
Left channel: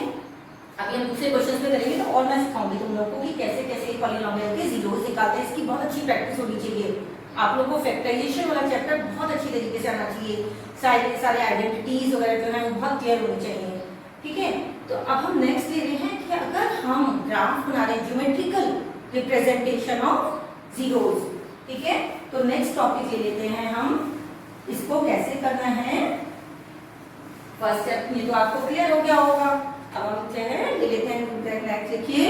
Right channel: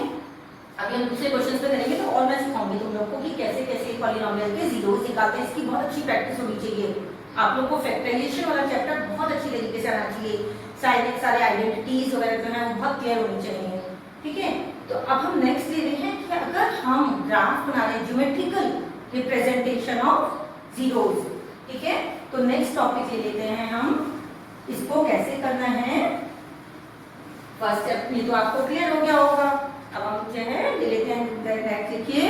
अभी हम दूसरे क्वेश्चन पे करेंगे। तो और मैं सिखाऊंगी तुम लोगों को कि कैसे कैसे पॉलिनोमियल के जीरोस निकालते हैं। इसकी बहुत अच्छी प्रैक्टिस होनी चाहिए। आप लोग को फैक्टराइजेशन वाला चैप्टर बहुत अच्छी तरीके से आना चाहिए। सारे आइडेंटिटीज वगैरह जो है बहुत क्लियर होनी चाहिए, ठीक है। तो अब हम नेक्स्ट ले रहे हैं कि अगर हम ग्राफ बना रहे हैं, ज्योमेट्रिकल रिप्रेजेंटेशन ऑफ जीरोस, ठीक है। तो नेक्स्ट टॉपिक ले लेते हैं हम, इसको कैसे करना है। फर्स्ट स्टेप ये तो आपको क्लियर हो गया होगा। अब हम जो है ले लेते हैं, नेक्स्ट लिखिए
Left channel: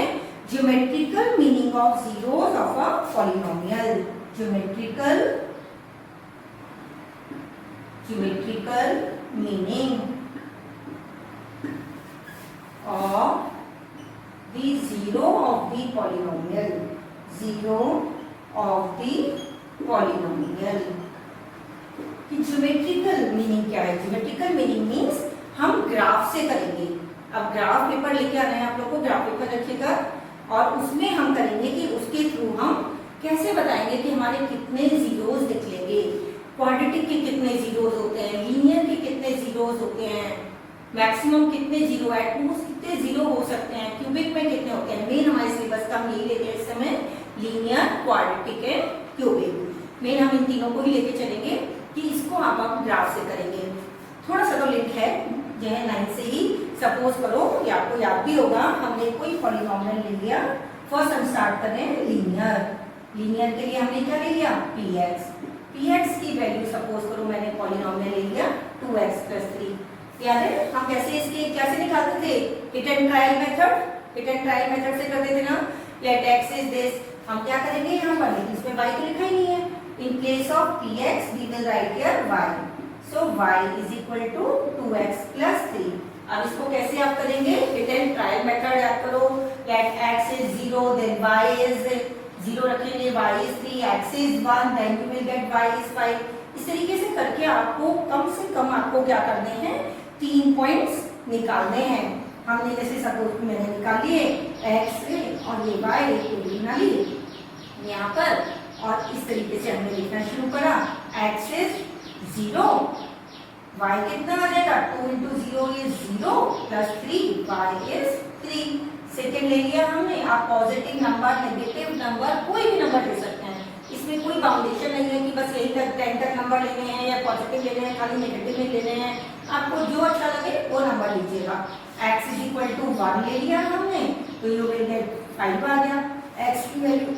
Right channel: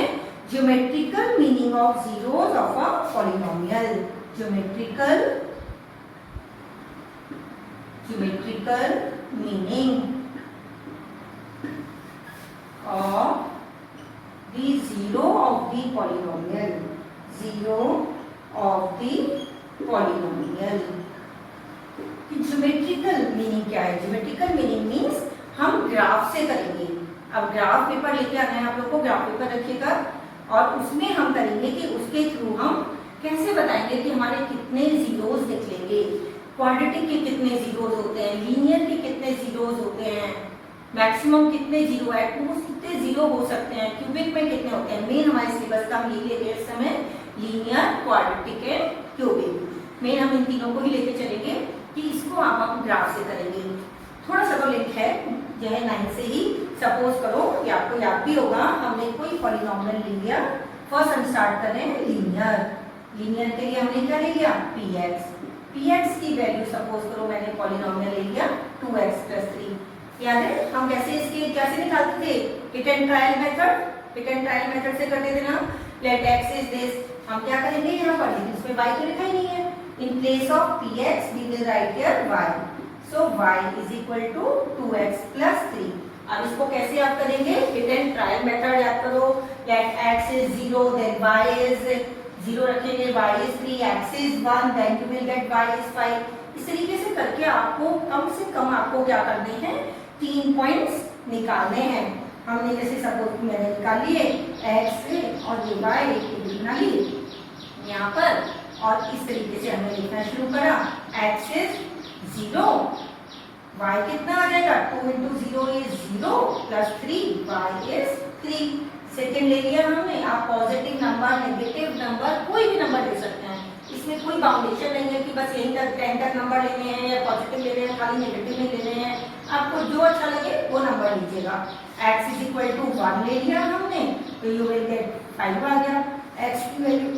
geometrical meaning of zeros of a polynomial. Geometrical meaning of the zero of the polynomial, zero of the polynomial। Geometrical meaning क्या है, ज्योमेट्रिकल मीनिंग मीन्स हम ग्राफ से करेंगे। अब ग्राफ पेपर लेके आना है आप लोग को, ग्राफ पेपर रखिएगा और उसमें हम करेंगे कि उसके थ्रू हम कैसे बताएंगे कि हमारे कितने जीरोस निकलेंगे, क्वाड्रेटिक के कितने जीरोस होते हैं, लीनियर के कितने जीरोस होते हैं, मैक्सिमम कितने जीरो, एटमोस्ट कितने जीरो हो सकते हैं, क्यूबिक में कितने होते हैं। मेन हमारे सिलेबस का हम यही लेते हैं इस समय, linear, quadratic and cubic. Main हम इन तीनों को ही लेके चलेंगे कि इसको आप ग्राफ से करेंगे। थोड़ा सा तो लिंक है, जो है 9 से ही। सपोज करो कि आपको याद भी होगा, हमने कोई पॉलिनोमियल ले लिया। फर्स्ट हम स्टार्ट कर रहे हैं लीनियर। लीनियर के लिए हमने क्या ले लिया, px की वैल्यू सपोज करो मैंने पॉलिनोमियल ले लिया 2x + 3। याद है हम कैसे इसके कैसे निकालते थे, hit and trial method. Hit and trial method से करते थे ना। लेट x इज दिस, हम क्या करेंगे यहाँ पर, लेकिन इसमें y तो लिखा ही नहीं है। In place of px we will write here y। So y is equal to 2x + 3। अब इसको कैसे आप करेंगे, हिट एंड ट्रायल मेथड याद करो। Let x is 0 then y is 0 रखेंगे, y is 3, x is 1, then you will get y is 5। इस तरीके से करके आपको कम से कम आपको क्या करने हैं, 3 पॉइंट्स निकालने हैं। हमने जैसे सपोज मैंने निकाल लिए x और ये y को बना लिए यहाँ पर, और इस तरीके से हमने लिखना शुरू करा। x इज 0, y कितना आ जाएगा, 2 × 0 इज 0 + 3, y इज 3। सेकेंड ले लिया हमने। आप पॉजिटिव नंबर, नेगेटिव नंबर, कोई भी नंबर ले सकते हैं। इसमें कोई बाउंडेशन नहीं है कि बस यहीं तक 10 तक नंबर लेने हैं या पॉजिटिव लेने हैं, खाली नेगेटिव नहीं लेने हैं। आपको जो अच्छा लगे वो नंबर लीजिएगा। x इज इक्वल टू 1 ले लिया हमने, तो यू विल गेट 5 आ गया। x की वैल्यू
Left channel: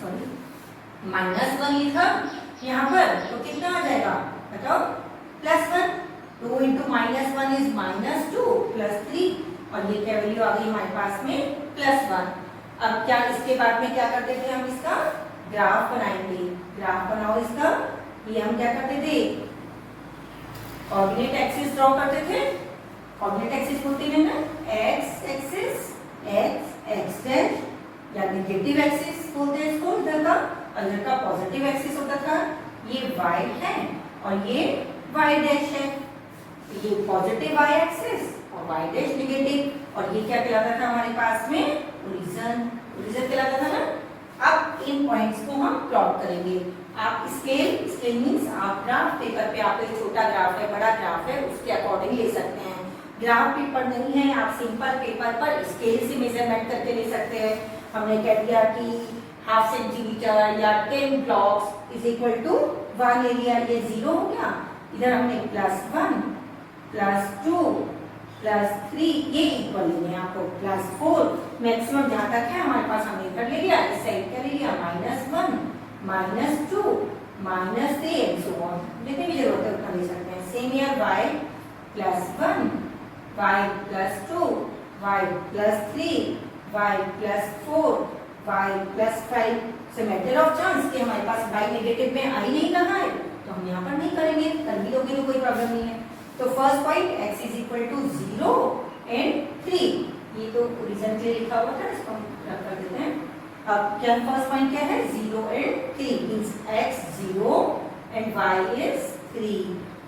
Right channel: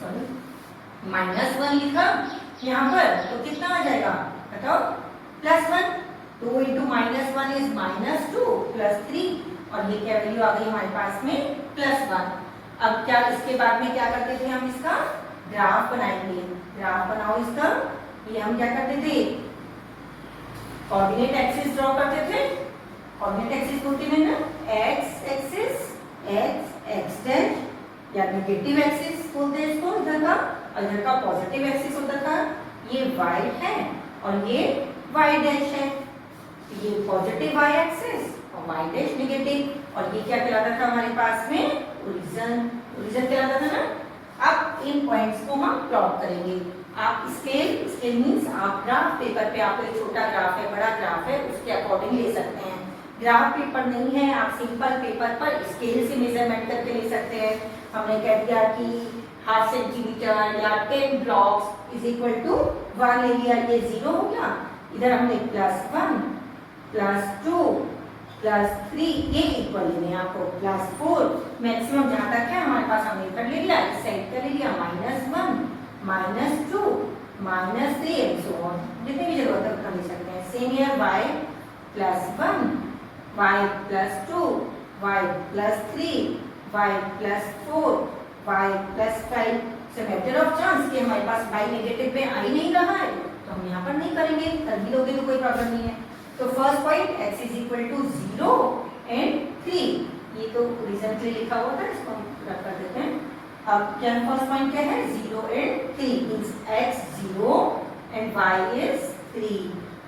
सॉरी -1 लिखा यहाँ पर, तो कितना आ जाएगा बताओ, +1। 2 × -1 इज -2 + 3, और ये क्या वैल्यू आ गई हमारे पास में +1। अब क्या इसके बाद में क्या करते थे, हम इसका ग्राफ बनाएंगे। ग्राफ बनाओ इसका। ये हम क्या करते थे, कोऑर्डिनेट एक्सिस ड्रॉ करते थे। कोऑर्डिनेट एक्सिस बोलते हैं ना, x एक्सिस, x डैश या नेगेटिव एक्सिस बोलते हैं इसको इधर का, और इधर का पॉजिटिव एक्सिस होता था। ये y है और ये y डैश है। ये पॉजिटिव y एक्सिस और y डैश नेगेटिव, और ये क्या कहलाता था हमारे पास में, ओरिजिन। ओरिजिन कहलाता था ना। अब इन पॉइंट्स को हम प्लॉट करेंगे। आप स्केल मींस आप ग्राफ पेपर पे, आप एक छोटा ग्राफ है, बड़ा ग्राफ है, उसके अकॉर्डिंग ले सकते हैं। ग्राफ पेपर नहीं है, आप सिंपल पेपर पर स्केल से मेजरमेंट करके ले सकते हैं। हमने कह दिया कि हाफ सेंटीमीटर या 10 blocks is equal to 1 area, ये 0 हो गया। इधर हमने +1 +2 +3 ये इक्वल लेंगे आपको, +4 मैक्सिमम जहां तक है हमारे पास हमने इधर ले लिया, इस साइड का ले लिया, -1 -2 -3 एंड सो ऑन, जितनी भी जरूरत है उतना ले सकते हैं। Same here y +1 y +2 y +3 y +4 y +5। So matter of chance कि हमारे पास y नेगेटिव में आ ही नहीं रहा है तो हम यहाँ पर नहीं करेंगे, कर भी लोगे तो कोई प्रॉब्लम नहीं है। तो first point x is equal to 0 and 3, ये तो रीजन के लिए लिखा हुआ था, इसको हम रख कर देते हैं। अब क्या फर्स्ट पॉइंट क्या है, 0 and 3 means x 0 and y is 3।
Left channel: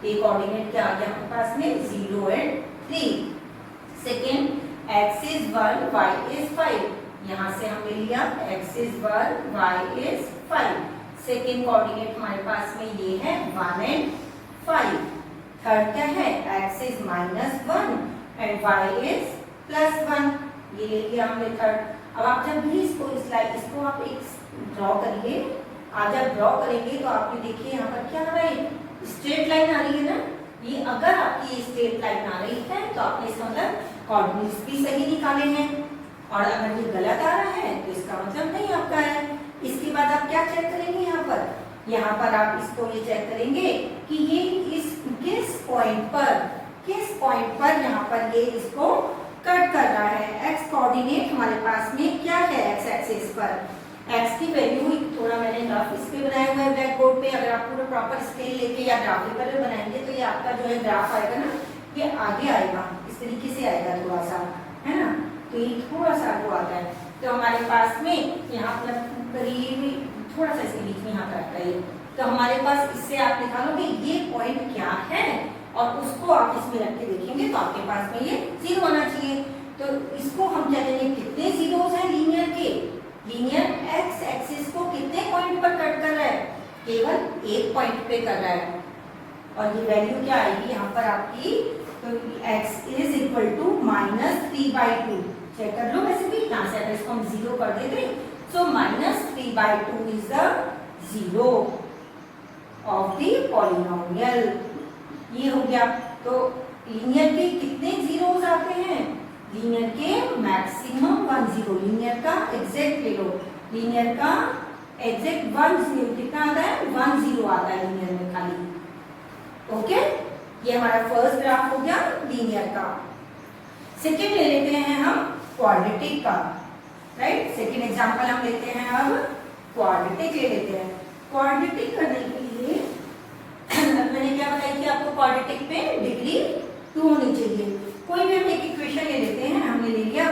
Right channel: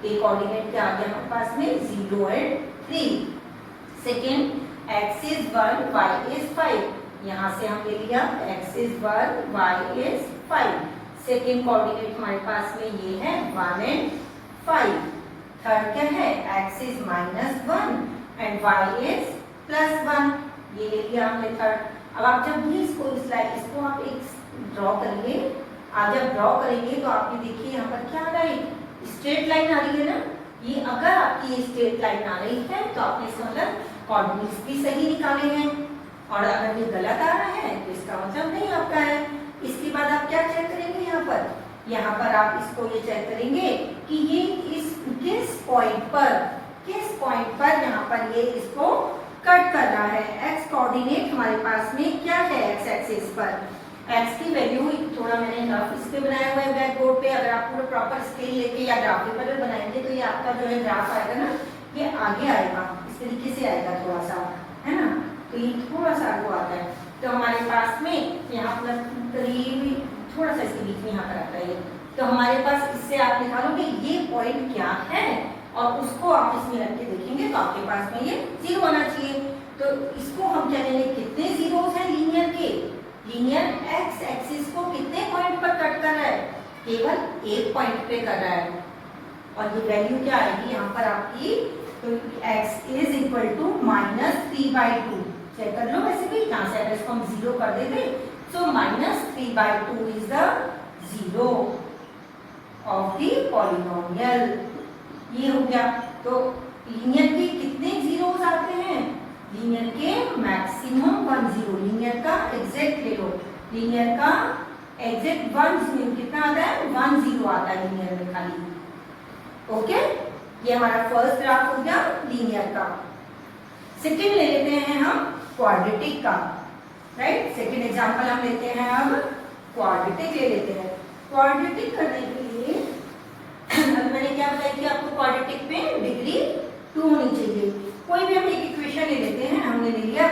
एक कोऑर्डिनेट क्या आ गया हमारे पास में, 0 and 3। Second x is 1 y is 5, यहाँ से हमने लिया x is 1 y is 5। Second coordinate हमारे पास में ये है 1 एंड 5। थर्ड क्या है, x is -1 and y is +1, ये ले लिया हमने थर्ड। अब आप जब भी इसको आप एक ड्रॉ करिए, आप जब ड्रॉ करेंगे तो आप ये देखिए यहाँ पर क्या आ रहा है, स्ट्रेट लाइन आ रही है ना। ये अगर आपकी ये स्ट्रेट लाइन आ रही है तो आपने इसका मतलब कोऑर्डिनेट्स भी सही निकाले हैं, और अगर ये गलत आ रहा है तो इसका मतलब नहीं आपका है। इसके बाद आप क्या चेक करेंगे, यहाँ पर आप इसको ये चेक करेंगे कि ये किस पॉइंट पर यहाँ पर ये इसको कट कर रहा है। x कोऑर्डिनेट हमारे पास में क्या है, x एक्सिस पर x की वैल्यू, थोड़ा मैंने ग्राफ इस पे बनाया हुआ है ब्लैक बोर्ड पे, अगर आप पूरा प्रॉपर स्केल लेके या ग्राफ पेपर पे बनाएंगे तो ये आपका जो है ग्राफ आएगा ना, ये आगे आएगा, इस तरीके से आएगा थोड़ा सा, है ना, तो ये थोड़ा सा आगे आता है। तो हमारे पास में यहाँ पर करीब थोड़ा सा इसके बीच में यहाँ पर आता है, तो हमारे पास इससे आप निकालोगे ये पॉइंट क्या है और उसको आप इसमें रख के देखेंगे तो आपके पास में ये 0 आना चाहिए। तो इसको हम क्या कहेंगे, कितने जीरोस हैं लीनियर के, लीनियर x एक्सिस को कितने पॉइंट पर कट कर रहा है, केवल एक पॉइंट पे कर रहा है। और ये वैल्यू क्या आएगी यहाँ पर आपकी, तो x is equal to -3/2, check कर लो। वैसे भी यहाँ से अगर इसको हम 0 कर देते सो -3/2 is the 0 of the polynomial, ये हो गया। तो लीनियर के कितने जीरोस आते हैं, लीनियर के मैक्सिमम 1 0, लीनियर का एग्जैक्ट ले लो, लीनियर का एग्जैक्ट 1 0 कितना आता है, 1 0 आता है लीनियर में खाली। ओके, ये हमारा फर्स्ट ग्राफ हो गया लीनियर का। सेकेंड ले लेते हैं हम क्वाड्रेटिक का, राइट। सेकेंड एग्जांपल हम लेते हैं, अब क्वाड्रेटिक ले लेते हैं। क्वाड्रेटिक करने के लिए अब मैंने क्या बताया कि आपको क्वाड्रेटिक में डिग्री 2 होनी चाहिए। कोई भी हम एक इक्वेशन ले लेते हैं, हमने ले लिया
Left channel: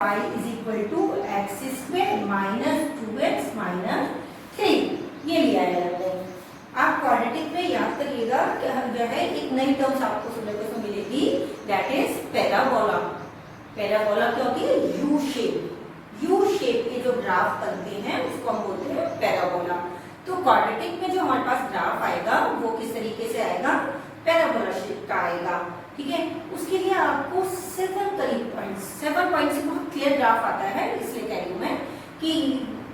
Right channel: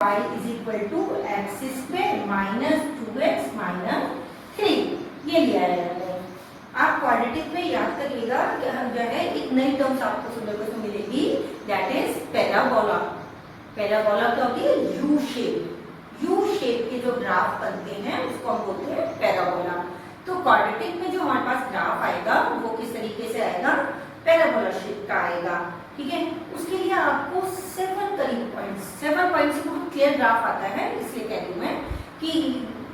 y is equal to x square minus 2x minus 3, ये लिया है हमने। आप क्वाड्रेटिक में याद करिएगा कि हम जो है एक नई टर्म्स आपको सुनने को मिलेगी, दैट इज पैराबोला। पैराबोला क्या होती है, यू शेप के जो ग्राफ बनते हैं उसको हम बोलते हैं पैराबोला। तो क्वाड्रेटिक में जो हमारे पास ग्राफ आएगा वो किस तरीके से आएगा, पैराबोला शेप का आएगा, ठीक है। उसके लिए आपको 7 पॉइंट से बहुत क्लियर ग्राफ आता है, इसलिए कह रही हूँ मैं कि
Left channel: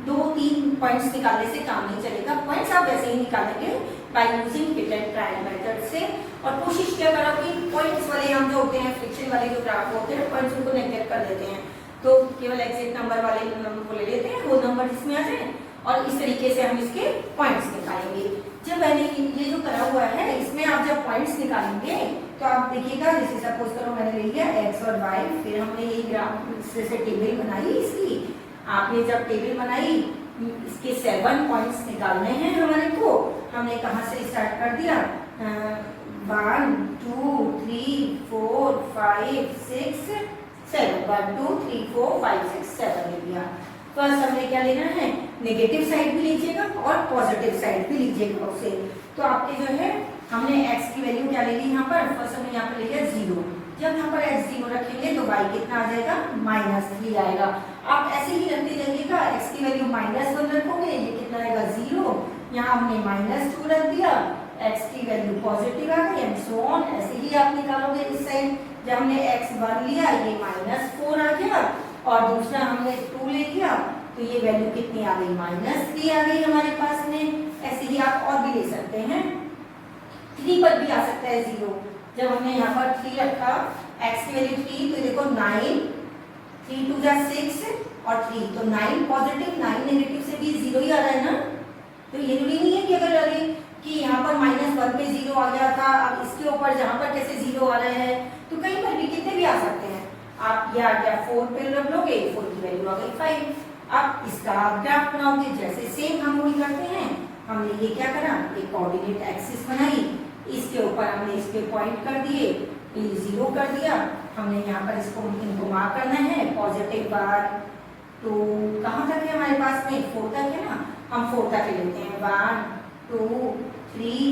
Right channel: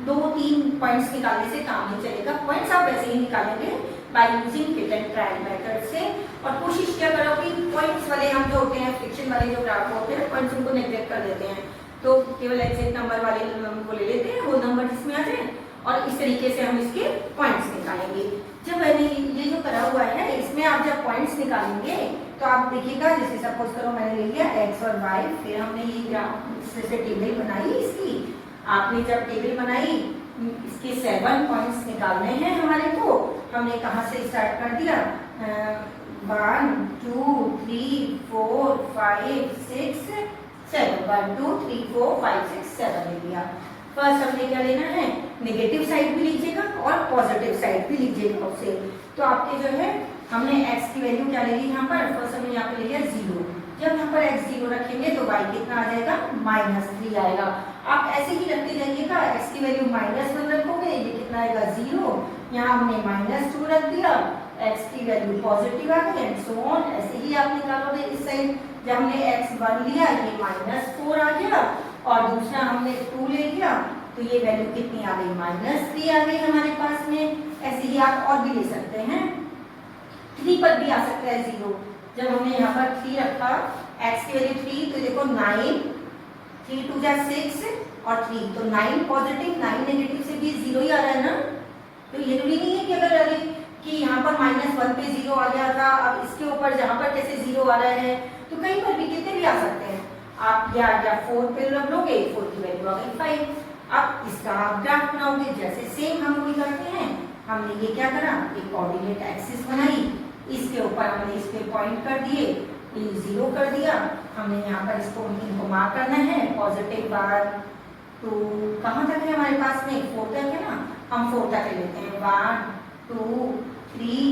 2-3 पॉइंट्स निकालने से काम नहीं चलेगा। पॉइंट्स आप वैसे ही निकालेंगे by using hit and trial method से। और कोशिश क्या करो कि पॉइंट्स वाले हम जो होते हैं, फ्रिक्शन वाले जो ग्राफ होते हैं, पॉइंट्स उनको नेग्लेक्ट कर देते हैं, तो केवल एग्जैक्ट नंबर वाले नंबर को ले लेते हैं, वो नंबर जिसमें आ जाए, और इस तरीके से हम इसके पॉइंट्स निकालेंगे। जब मैंने ये जो करा हुआ है इसमें आप जब पॉइंट्स निकालेंगे तो आप देखिएगा, जैसे सपोज करो मैंने ले लिया x और y, फिर हमने ये ग्राफ से टेबल बनाई इसकी। आपने जब टेबल बनाई, इसके 7 पॉइंट्स निकालने हैं हमारे को, हमने कहाँ से स्टार्ट कर दिया, 1 2 3 4 5 6 7, 1 2 3 4 5 6 7 ले लिया। फर्स्ट हमने क्या लेना है, नेगेटिव साइड भी लीजिएगा और पॉजिटिव साइड भी लीजिएगा उससे। तो आपके जो है हमने x की वैल्यू क्या ले ली यहाँ पर, फर्स्ट हमने यहाँ पे ले लिया 0। जब यहाँ पर x 0 रखेंगे तो y कितना आ जाएगा, -3 आएगा। आप ऐसे ही रखते जाइएगा, x की वैल्यू -1 रखोगे, ये कितना आएगा 0, यहाँ हमने -2 रख दिया, x की वैल्यू पॉजिटिव आ गई एंड सो ऑन। ऐसे ही आप निकालोगे इस साइड। जब हमने x1 लिया ये -4 आ गया और दूसरा हमने 2 ले लिया तो ये वैल्यू कितनी आ गई, -3 आ गई हमारे पास में। ऐसे ही आप और भी ले सकते हैं, 3 पर भी आ सकता है 0। जब हमने यहाँ पर 3 रखा, x की वैल्यू 3 तो देखो 9, 3 2 6 और 3 तो 9 पॉजिटिव 9 नेगेटिव से भी 0 ही आ रहा है ना। तो ये जरूरी नहीं है कि अगर अरे कि यहाँ पर -1 पे 0 आ गया था, अब इसके ऊपर जहाँ पर कैसे 0 आ रहा है तो कहीं पर भी कितने भी आ सकते हैं। आप या 4 पे रख लोगे, 4 की वैल्यू आ गई 5। अब इसका आप ग्राफ बनाओगे जैसे सेम हम लोग करते हैं। हमने ये क्या करा, एक कोऑर्डिनेट एक्सिस बनाई, इसके ऊपर हमने इस पे पॉइंट कर दिए, ये 0 कर दिया। हमने यहाँ पर इसको इनको मार्क करना है पॉजिटिव 1 तो कहाँ तक है हमारे पास में, 4 तक है ना। हम 4 तक ले लेते हैं, 1 2 3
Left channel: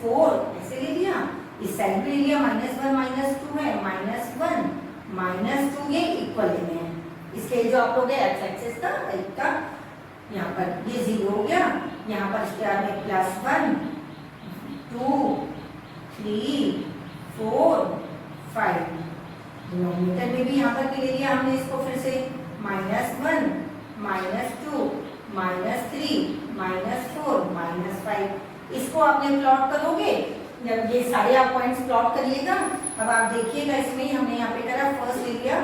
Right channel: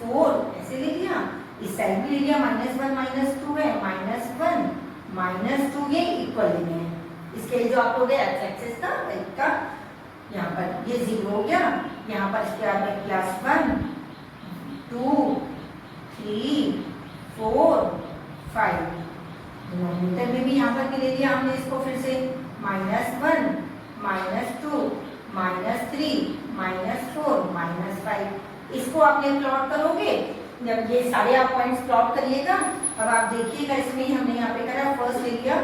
4 ऐसे ले लिया। इस साइड भी ले लिया, -1 -2 है, -1 -2 ये इक्वल लेने हैं। इसके जो आप लोग एक्स एक्सिस का तरीका, यहाँ पर ये 0 हो गया, यहाँ पर इसके बाद में +1 2 3 4 5। डिनोमिनेटर में भी यहाँ पर ले लिया हमने इसको फिर से, -1 -2 -3 -4 -5। इसको आपने प्लॉट करोगे, जब ये सारे आप पॉइंट्स प्लॉट करिएगा। अब आप देखिएगा इसमें हमने यहाँ पे करा, फर्स्ट ले लिया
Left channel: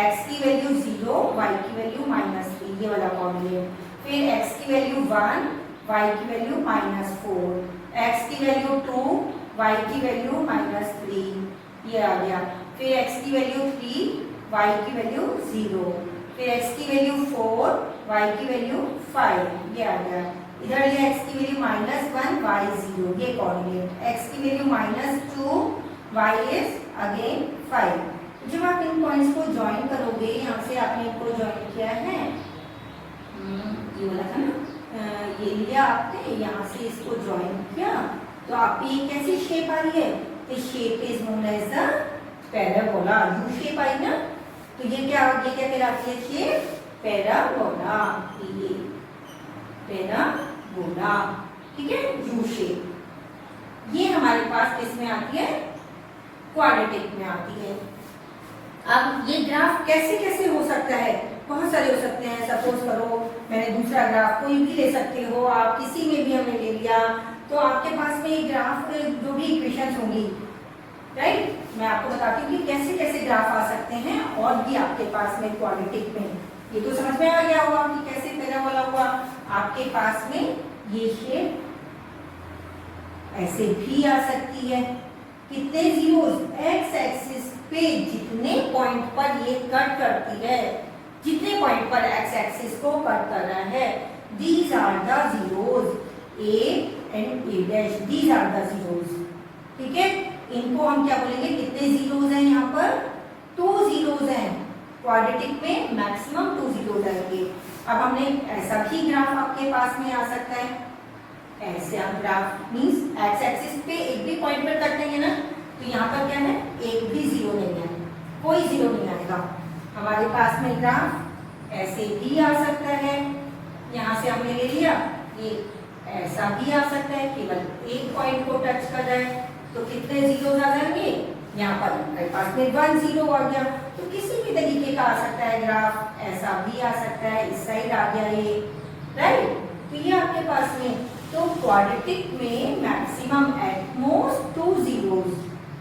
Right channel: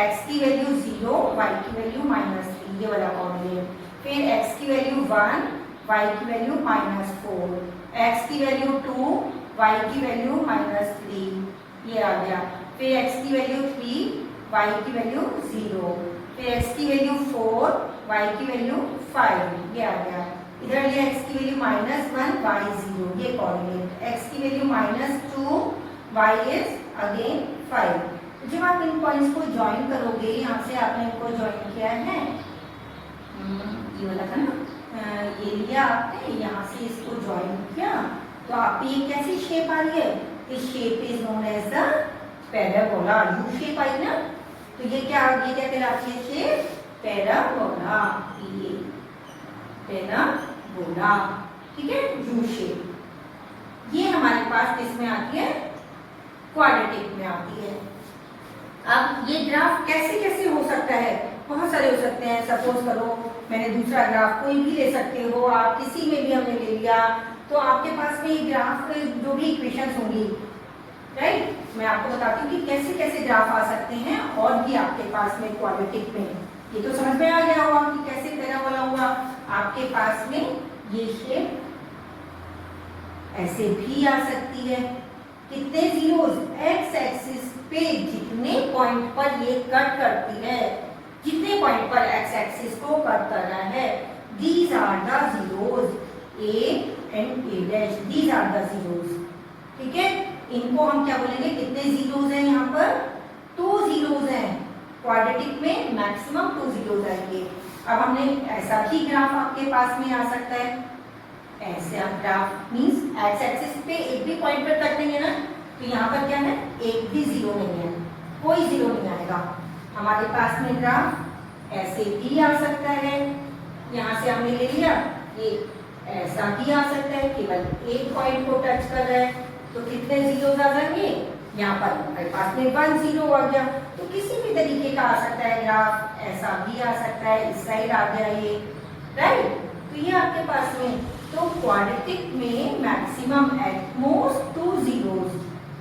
x की वैल्यू 0, y की वैल्यू -3, ये वाला कोऑर्डिनेट। फिर x की वैल्यू 1, y की वैल्यू -4, x की वैल्यू 2, y की वैल्यू -3, ये आ गया। फिर x की वैल्यू 3, y की वैल्यू 0, फिर x की वैल्यू 4, y की वैल्यू 5, ये आ गया। इधर लिया x की वैल्यू -1, y 0, ये कोऑर्डिनेट। x की वैल्यू -2, y इज अगेन 5। जब आप इन पॉइंट्स को ज्वाइन करोगे, यहाँ से आपने इनको ज्वाइन किया है, ये वाला था ना, ये लिया आपने, यहाँ से इसको ज्वाइन किया तो आपकी ये कैसी शेप आ रही है, इस shape is known as the parabola. U shape आई ना, तो ये क्या कहलाती है शेप, पैराबोला। ये पैराबोला, ठीक है, यू शेप। ये हमारे पास किसमें आती है, क्वाड्रेटिक में आती है। अब ये ग्राफ कैसे कैसे हो सकता है, बहुत सारे हो सकते हैं। सपोज करो मैंने दूसरा ग्राफ कोई भी ले सकते हो आप, किसी में भी हमने ले लिया तो आपके पास में ये ग्राफ पे जो भी इक्वेशंस होंगी, राइट, मैं आपको बताती हूँ कि कैसे कैसे ग्राफ आ सकते हैं और भी आपके पास में क्वाड्रेटिक में। ये तो समझ में आ गया होगा कि कैसे पैराबोला हुआ। आपके पास में ये शेप ऐसे भी आ सकती है। कितने जीरोस, एक्स एक्सिस पे जितने पॉइंट पर ये कट करती है, जितने पॉइंट पर एक्स एक्सिस को कट कर रहा है, these are the zeros, A and A dash, these are the zeros. ठीक है, इनको हम क्या बोलेंगे, कितने जीरोस हैं यहाँ पर, 2 जीरोस हैं। क्वाड्रेटिक में मैक्सिमम 2 जीरोस आएंगे। अब हमने ऐसा भी ग्राफ आपके पास में आ सकता है, ऐसे आप ग्राफ मींस एक्स एक्सिस पे एक भी पॉइंट पर कट नहीं है ना, तो यहाँ पर क्या है, एक भी जीरो नहीं है, कोई जीरो नहीं आएगा। हमारे पास में ग्राफ ऐसे भी आ सकता है, यहाँ से हमने ले लिया, ये ऐसा भी आ सकता है, केवल एक पॉइंट को टच कर रहा है, तो कितने जीरो आ जाएंगे, यहाँ पर हमारे पास में 1 जीरो आ गया। तो किसी भी तरीके का आ सकता है ग्राफ, ऐसा भी आ सकता है, इस साइड आ गया ये, राइट। तो ये आपके पास में, तो क्वाड्रेटिक में maximum at most 2 zeros.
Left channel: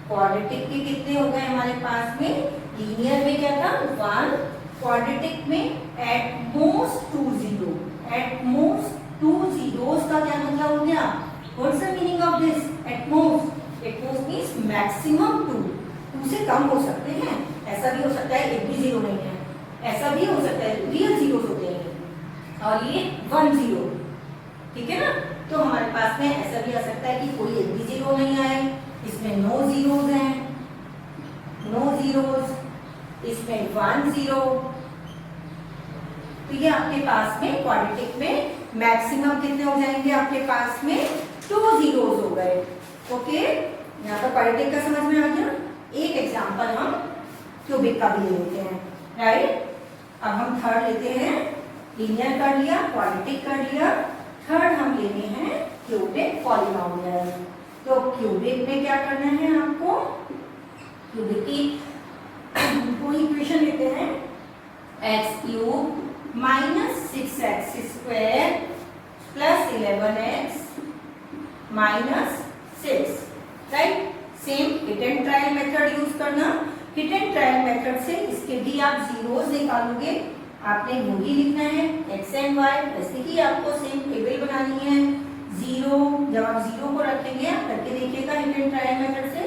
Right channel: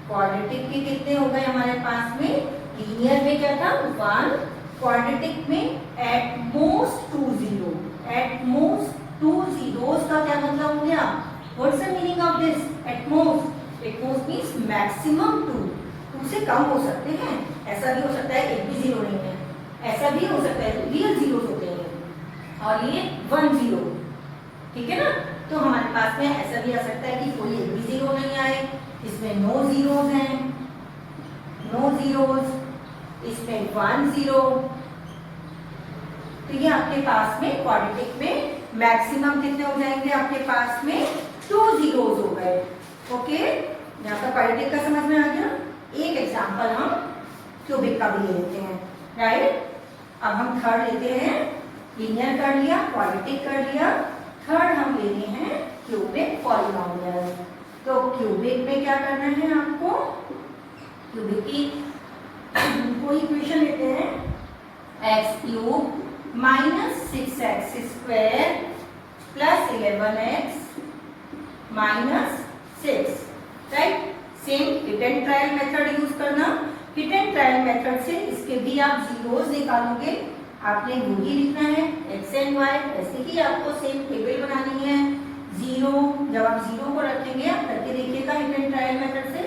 Quadratic के कितने हो गए हमारे पास में, लीनियर में क्या था 1, क्वाड्रेटिक में at most 2 zero. At most 2 zeros का क्या मतलब हो गया, what's the meaning of this, at most, at most means maximum 2 से कम हो सकते हैं। ऐसा भी हो सकता है एक भी जीरो नहीं है, ऐसा भी हो सकता है रियल जीरोस होते हैं, और ये 1 जीरो, ठीक है ना। तो हमारे पास में ऐसा भी आ सकता है कि कोई एक भी जीरो नहीं आए, इसमें नो जीरोस हैं, नो जीरोस, इसमें 1 जीरो। तो ये आपके पास में क्वाड्रेटिक में मैक्सिमम कितने हो जाएंगे, आपके पास में 2 जीरोस हो गए। ओके, यहाँ पर क्वाड्रेटिक का समझ में आ गया। एक एग्जांपल हम क्यूबिक का भी ले लेते हैं, राइट। अब हम थर्ड लेते हैं, लीनियर कर लिया, क्वाड्रेटिक कर लिया, थर्ड हम लेने हैं क्यूबिक पॉलिनोमियल। तो क्यूबिक में क्या करना है आपको, क्यूबिक की कोई इक्वेशन लेते हैं, x cube minus 6x square plus 11x minus 6, right. Same hit and trial method use करना। हिट एंड ट्रायल मेथड से इसके भी आप जीरोस निकालोगे, आपने वो ही लिखना है एक्स एंड वाई। ऐसे ही आपको सेम टेबल बनानी है। जीरो, जब आप जीरो को रखेंगे आप करके देखिएगा हिट एंड ट्रायल मेथड से,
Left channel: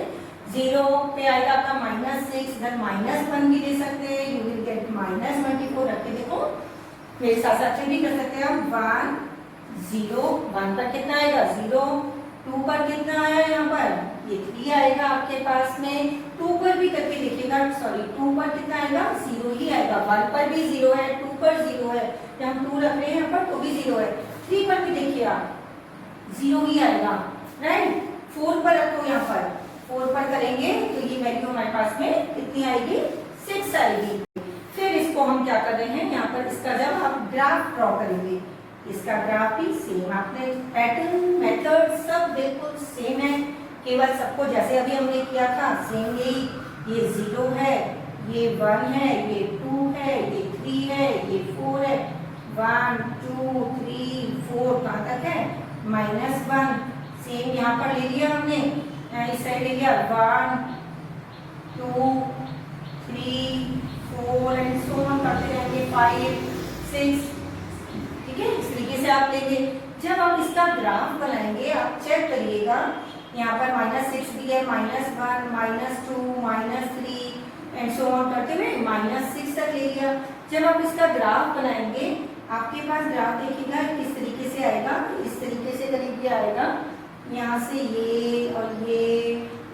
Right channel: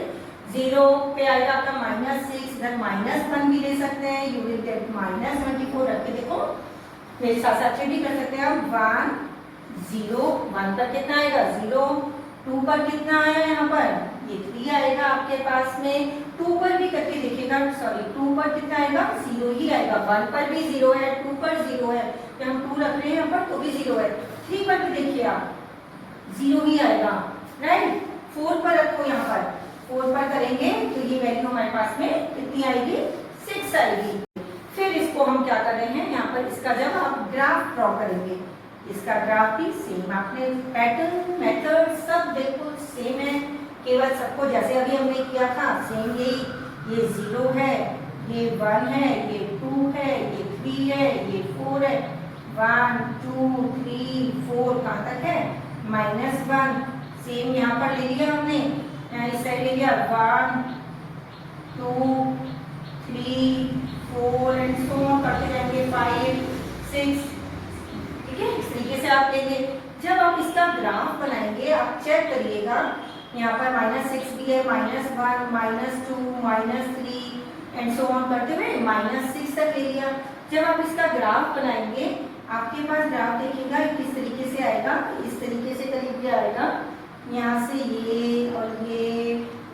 जीरो पे आएगा आपका -6, इधर -1 भी ले सकते हैं, यू विल गेट -24। रख के देखो, फिर साथ साथ भी कर सकते हैं आप 1 0 1 पर कितना आएगा 0, 2 पर कितना आया यहाँ पर ये 3 आएगा आपके पास में, 2 पर भी करके देखिएगा, सॉरी 2 पर कितना आएगा 0 ही आएगा, 1 पर भी 0 है, 2 पर 0 है, हम 2 रख रहे हैं यहाँ पर तो भी 0 है, 3 पर भी देखिए आप 0 ही आएगा, राइट। 4 पर रखो, यहाँ पर 4 पर करेंगे तो ये वैल्यू हमारे पास में कितनी आएगी 6 आएगी। फिर इसको हम क्या कर रहे हैं यहाँ पर, इसका जब आप ग्राफ ड्रॉ करेंगे, इसका ग्राफ भी सेम, आपने पैटर्न मेथड सब बिल्कुल सेम है, केवल सबको जैसे अभी हमने किया था सेम यही, ये 0 है, ये 1 है, ये 2 है, ये 3 है, ये 4 है, 1 2 3 4 कहाँ तक है -1, सेम यहाँ पर ले लिया हमने, इस साइड ले लिया 1 2 3 4 एंड सो ऑन करते जाएंगे 5 6, ठीक है। इस तरीके से आप लेंगे। जब आप इसका ग्राफ बनाएंगे आप चेक करिएगा, यहाँ पर -6 भी है, -1 -2 -3 एंड सो ऑन करते हुए -6 तक ले लिया। जब आप इसका ग्राफ बनाएंगे आपके पास ग्राफ देखिएगा किस तरीके से आएगा, इस तरीके से करीब ये आएगा, यहाँ से ये और ये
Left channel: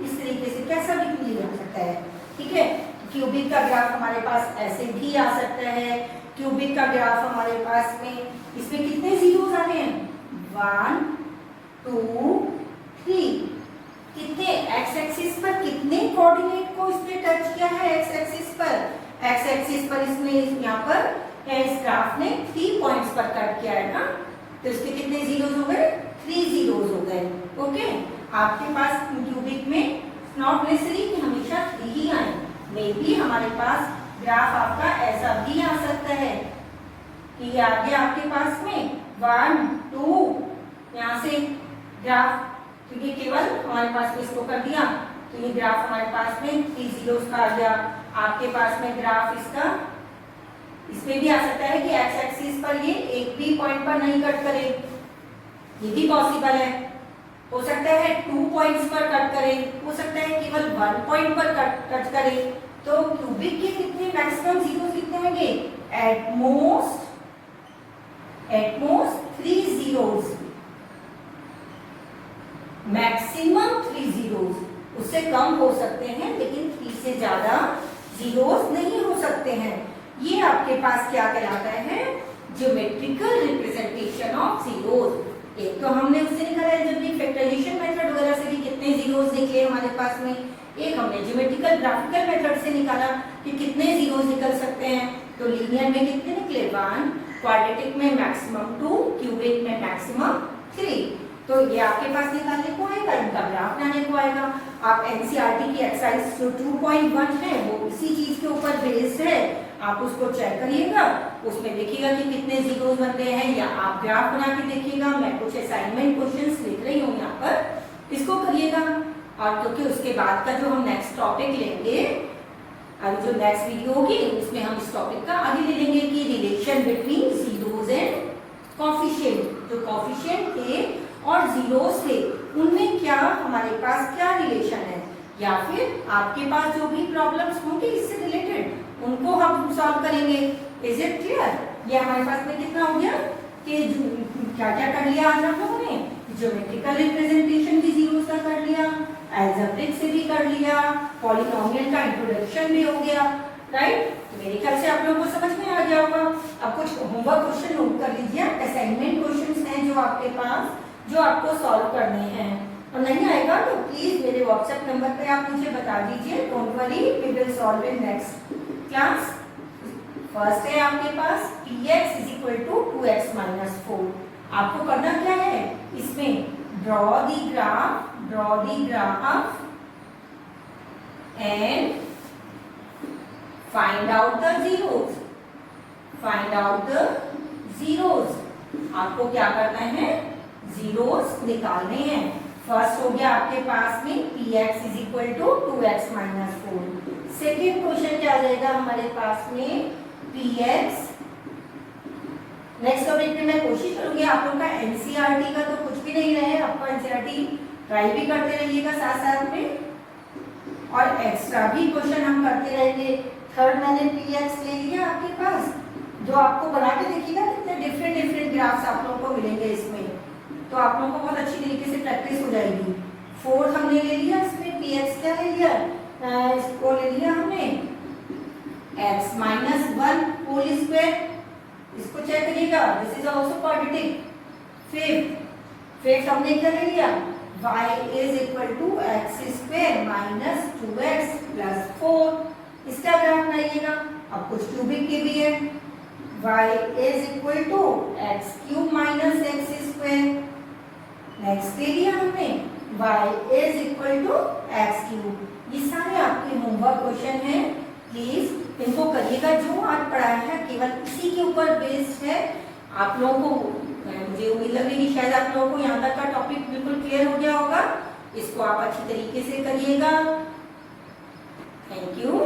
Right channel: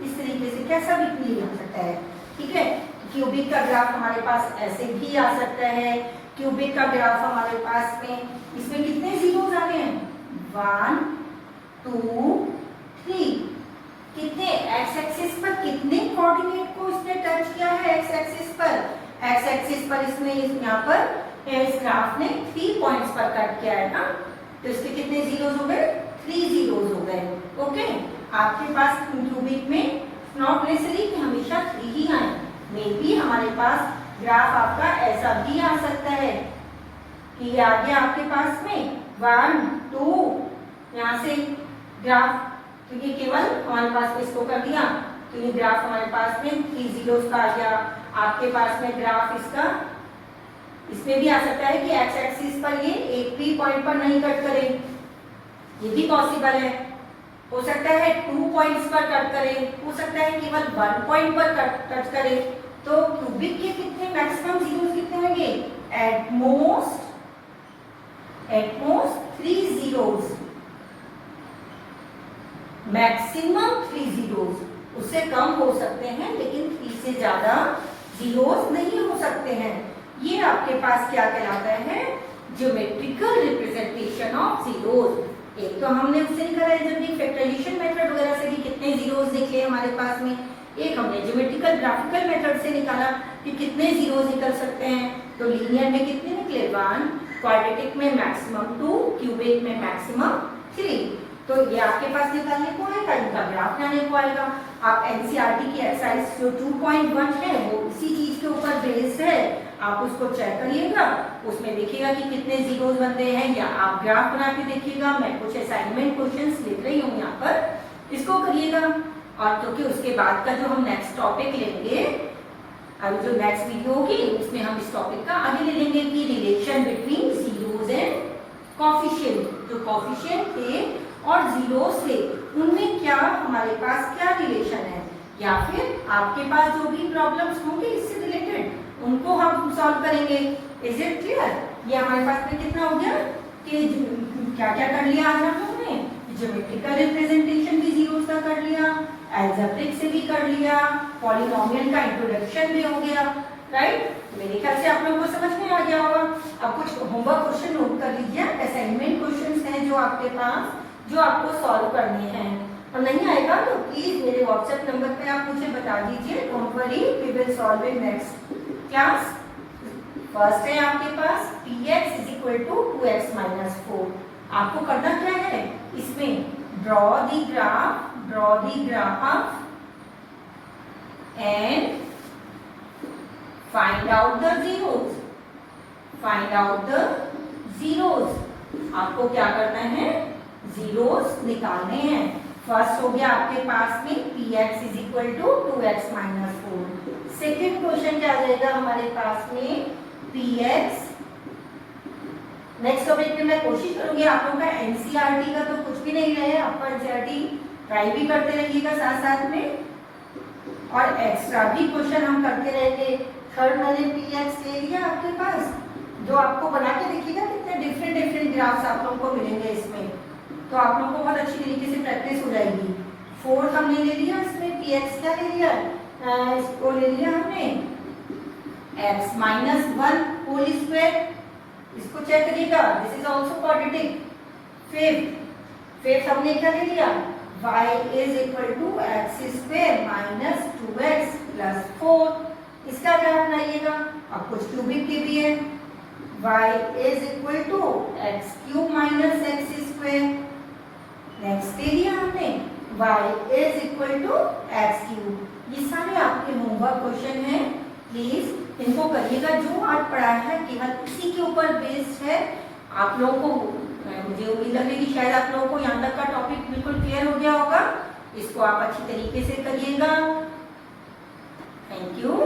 इस तरीके से कैसा भी क्लियर हो सकता है, ठीक है। क्यूबिक का ग्राफ हमारे पास ऐसे भी आ सकता है, क्यूबिक का ग्राफ हमारे पास में इसमें कितने जीरोस आ रहे हैं 1 2 3, कितने एक्स एक्सिस पर कितने कोऑर्डिनेट को इसने टच किया है, एक्स एक्सिस पर इसने यहाँ पर इस ग्राफ ने 3 पॉइंट्स पर कट किया है ना, तो इसके कितने जीरोस हो गए 3 जीरोस हो गए, ओके। आपके पास क्यूबिक में नॉट नेसेसरी कि हमेशा 3 ही आए, मे बी हमारे पास ग्राफ आपका ऐसा भी आ सकता है कि ये आ गया आपके पास में 1 2, यहाँ से ग्राफ, तो ये केवल हमारे पास में इसको कर दिया तो ये ग्राफ हमारे पास में 3 जीरोस का आ गया। आपके पास में ग्राफ इसका इसमें भी आ सकता है कि एक्स एक्सिस पर ये एक भी पॉइंट पर नहीं कट करे, ये भी पॉसिबल है। हो सकता है 2 पॉइंट्स पर कट करे, हो सकता है केवल 1 पॉइंट पर कट करे। तो क्यूबिक के कितने मैक्सिमम जीरोस कितने होंगे, at most 3 zeros, maximum 3 zeros, उससे कम हो सकते हैं लेकिन 3 से ज्यादा जीरोस नहीं हो सकते हैं। ये आपके पास क्या कहलाता है, ज्योमेट्रिकल रिप्रेजेंटेशन ऑफ जीरोस। एक तो हमने उससे निकाला है जब ये फैक्टराइजेशन मेथड वगैरह से भी कितने जीरोस निकले हमारे पास में, एक हमने ज्योमेट्रिकल ग्राफिकल मेथड से निकाला कि कितने जीरोस निकल सकते हैं। तो लीनियर में कितने निकले 1, क्वाड्रेटिक में मैक्सिमम 2, क्यूबिक में मैक्सिमम 3। तो ये आपके पास निकालने को आएगा, इनका ग्राफ बनाने को आएगा। आप एनसीईआरटी की एक्सरसाइज जो 2.1 है वो इसी चीज के ऊपर बेस्ड है, आप उसको चेक करिएगा, उसमें देखिएगा कि कितने जीरोस बनते हैं, या आप ग्राफ बना के देखिएगा। मैं कुछ असाइनमेंट क्वेश्चंस लिख रही हूँ यहाँ पर, इसको करिएगा। और क्योंकि उसके बाद का जो हम नेक्स्ट टॉपिक लेंगे, अभी जो नेक्स्ट वीडियो होगी उसमें हम इस टॉपिक का आगे ले लेंगे कि relation between zeros and coefficient. जो कोफिशिएंट थे और जीरोस थे उनमें क्या हमारे पास क्या रिलेशन है, या फिर आपके पास जो भी प्रॉब्लम्स होंगे इससे रिलेटेड उनको हम सॉल्व करेंगे। Is it clear? ये हमारे पास में कितना हो गया कि क्या क्या कर लिया आज हम लोगों ने, ज्योमेट्रिकल रिप्रेजेंटेशन भी जीरोस का कर लिया, अलजेब्रिक से भी कर लिया, पॉलिनोमियल का इंट्रोडक्शन भी हो गया, राइट। मेरे ख्याल से आप लोगों को समझ में आ गया होगा। अब कुछ होमवर्क क्वेश्चन नोट कर लीजिए, असाइनमेंट क्वेश्चंस हैं जो आपके पास, जो आपको सॉल्व करने हैं। और नहीं आएगा तो प्लीज मेरे व्हाट्सएप नंबर पे आप मुझे बता दीजिए, don't worry, we will solve in next class. First है आपके पास px = 2x - 4। आपको करना क्या है, इसमें draw the graph draw the graph and find out the zeros. Find out the zeros. आपको क्या करना है, जीरोस निकालने हैं। फर्स्ट हो गया आपके पास में px is equal to 2x minus 4। Second question क्या आ जाएगा हमारे पास में px। नेक्स्ट टॉपिक में मैं कोशिश करूंगी आप लोगों का एनसीईआरटी का तो कुछ भी नहीं रहे, आपको एनसीईआरटी ट्राई भी करते रहिएगा साथ साथ में, और एक्स्ट्रा भी क्वेश्चन हम करते रहेंगे। थर्ड वाले px ले लिया आपके पास, जो आपको बना के देखिएगा कितने डिफरेंट डिफरेंट ग्राफ्स आप लोगों को मिलेंगे इसमें, तो आप लोगों को बहुत अच्छी तरीके से प्रैक्टिस हो जाएगी। फोर्थ हमने ले लिया, इसमें px क्या ले लिया, इसको ले लिया हमने x माइनस 1 होल स्क्वायर। इसको चेक करिएगा, this is also quadratic. Fifth हमने क्या ले लिया, y is equal to x square minus 2x plus 4। इसका ग्राफ बनाइएगा, अब कुछ क्यूबिक के भी है, y is equal to x cube minus x square. Next ले लिया हमने y is equal to x cube. ये सारे आपके होमवर्क क्वेश्चन हैं, प्लीज इनको करिएगा। जो आज पढ़ा है केवल इसी के ऊपर बेस्ड है। आप लोगों को मुझे उम्मीद लग रही है शायद आप लोगों को यहाँ तक का टॉपिक बिल्कुल क्लियर हो गया होगा। इसको आप अच्छी तरीके से करिएगा। Thank you.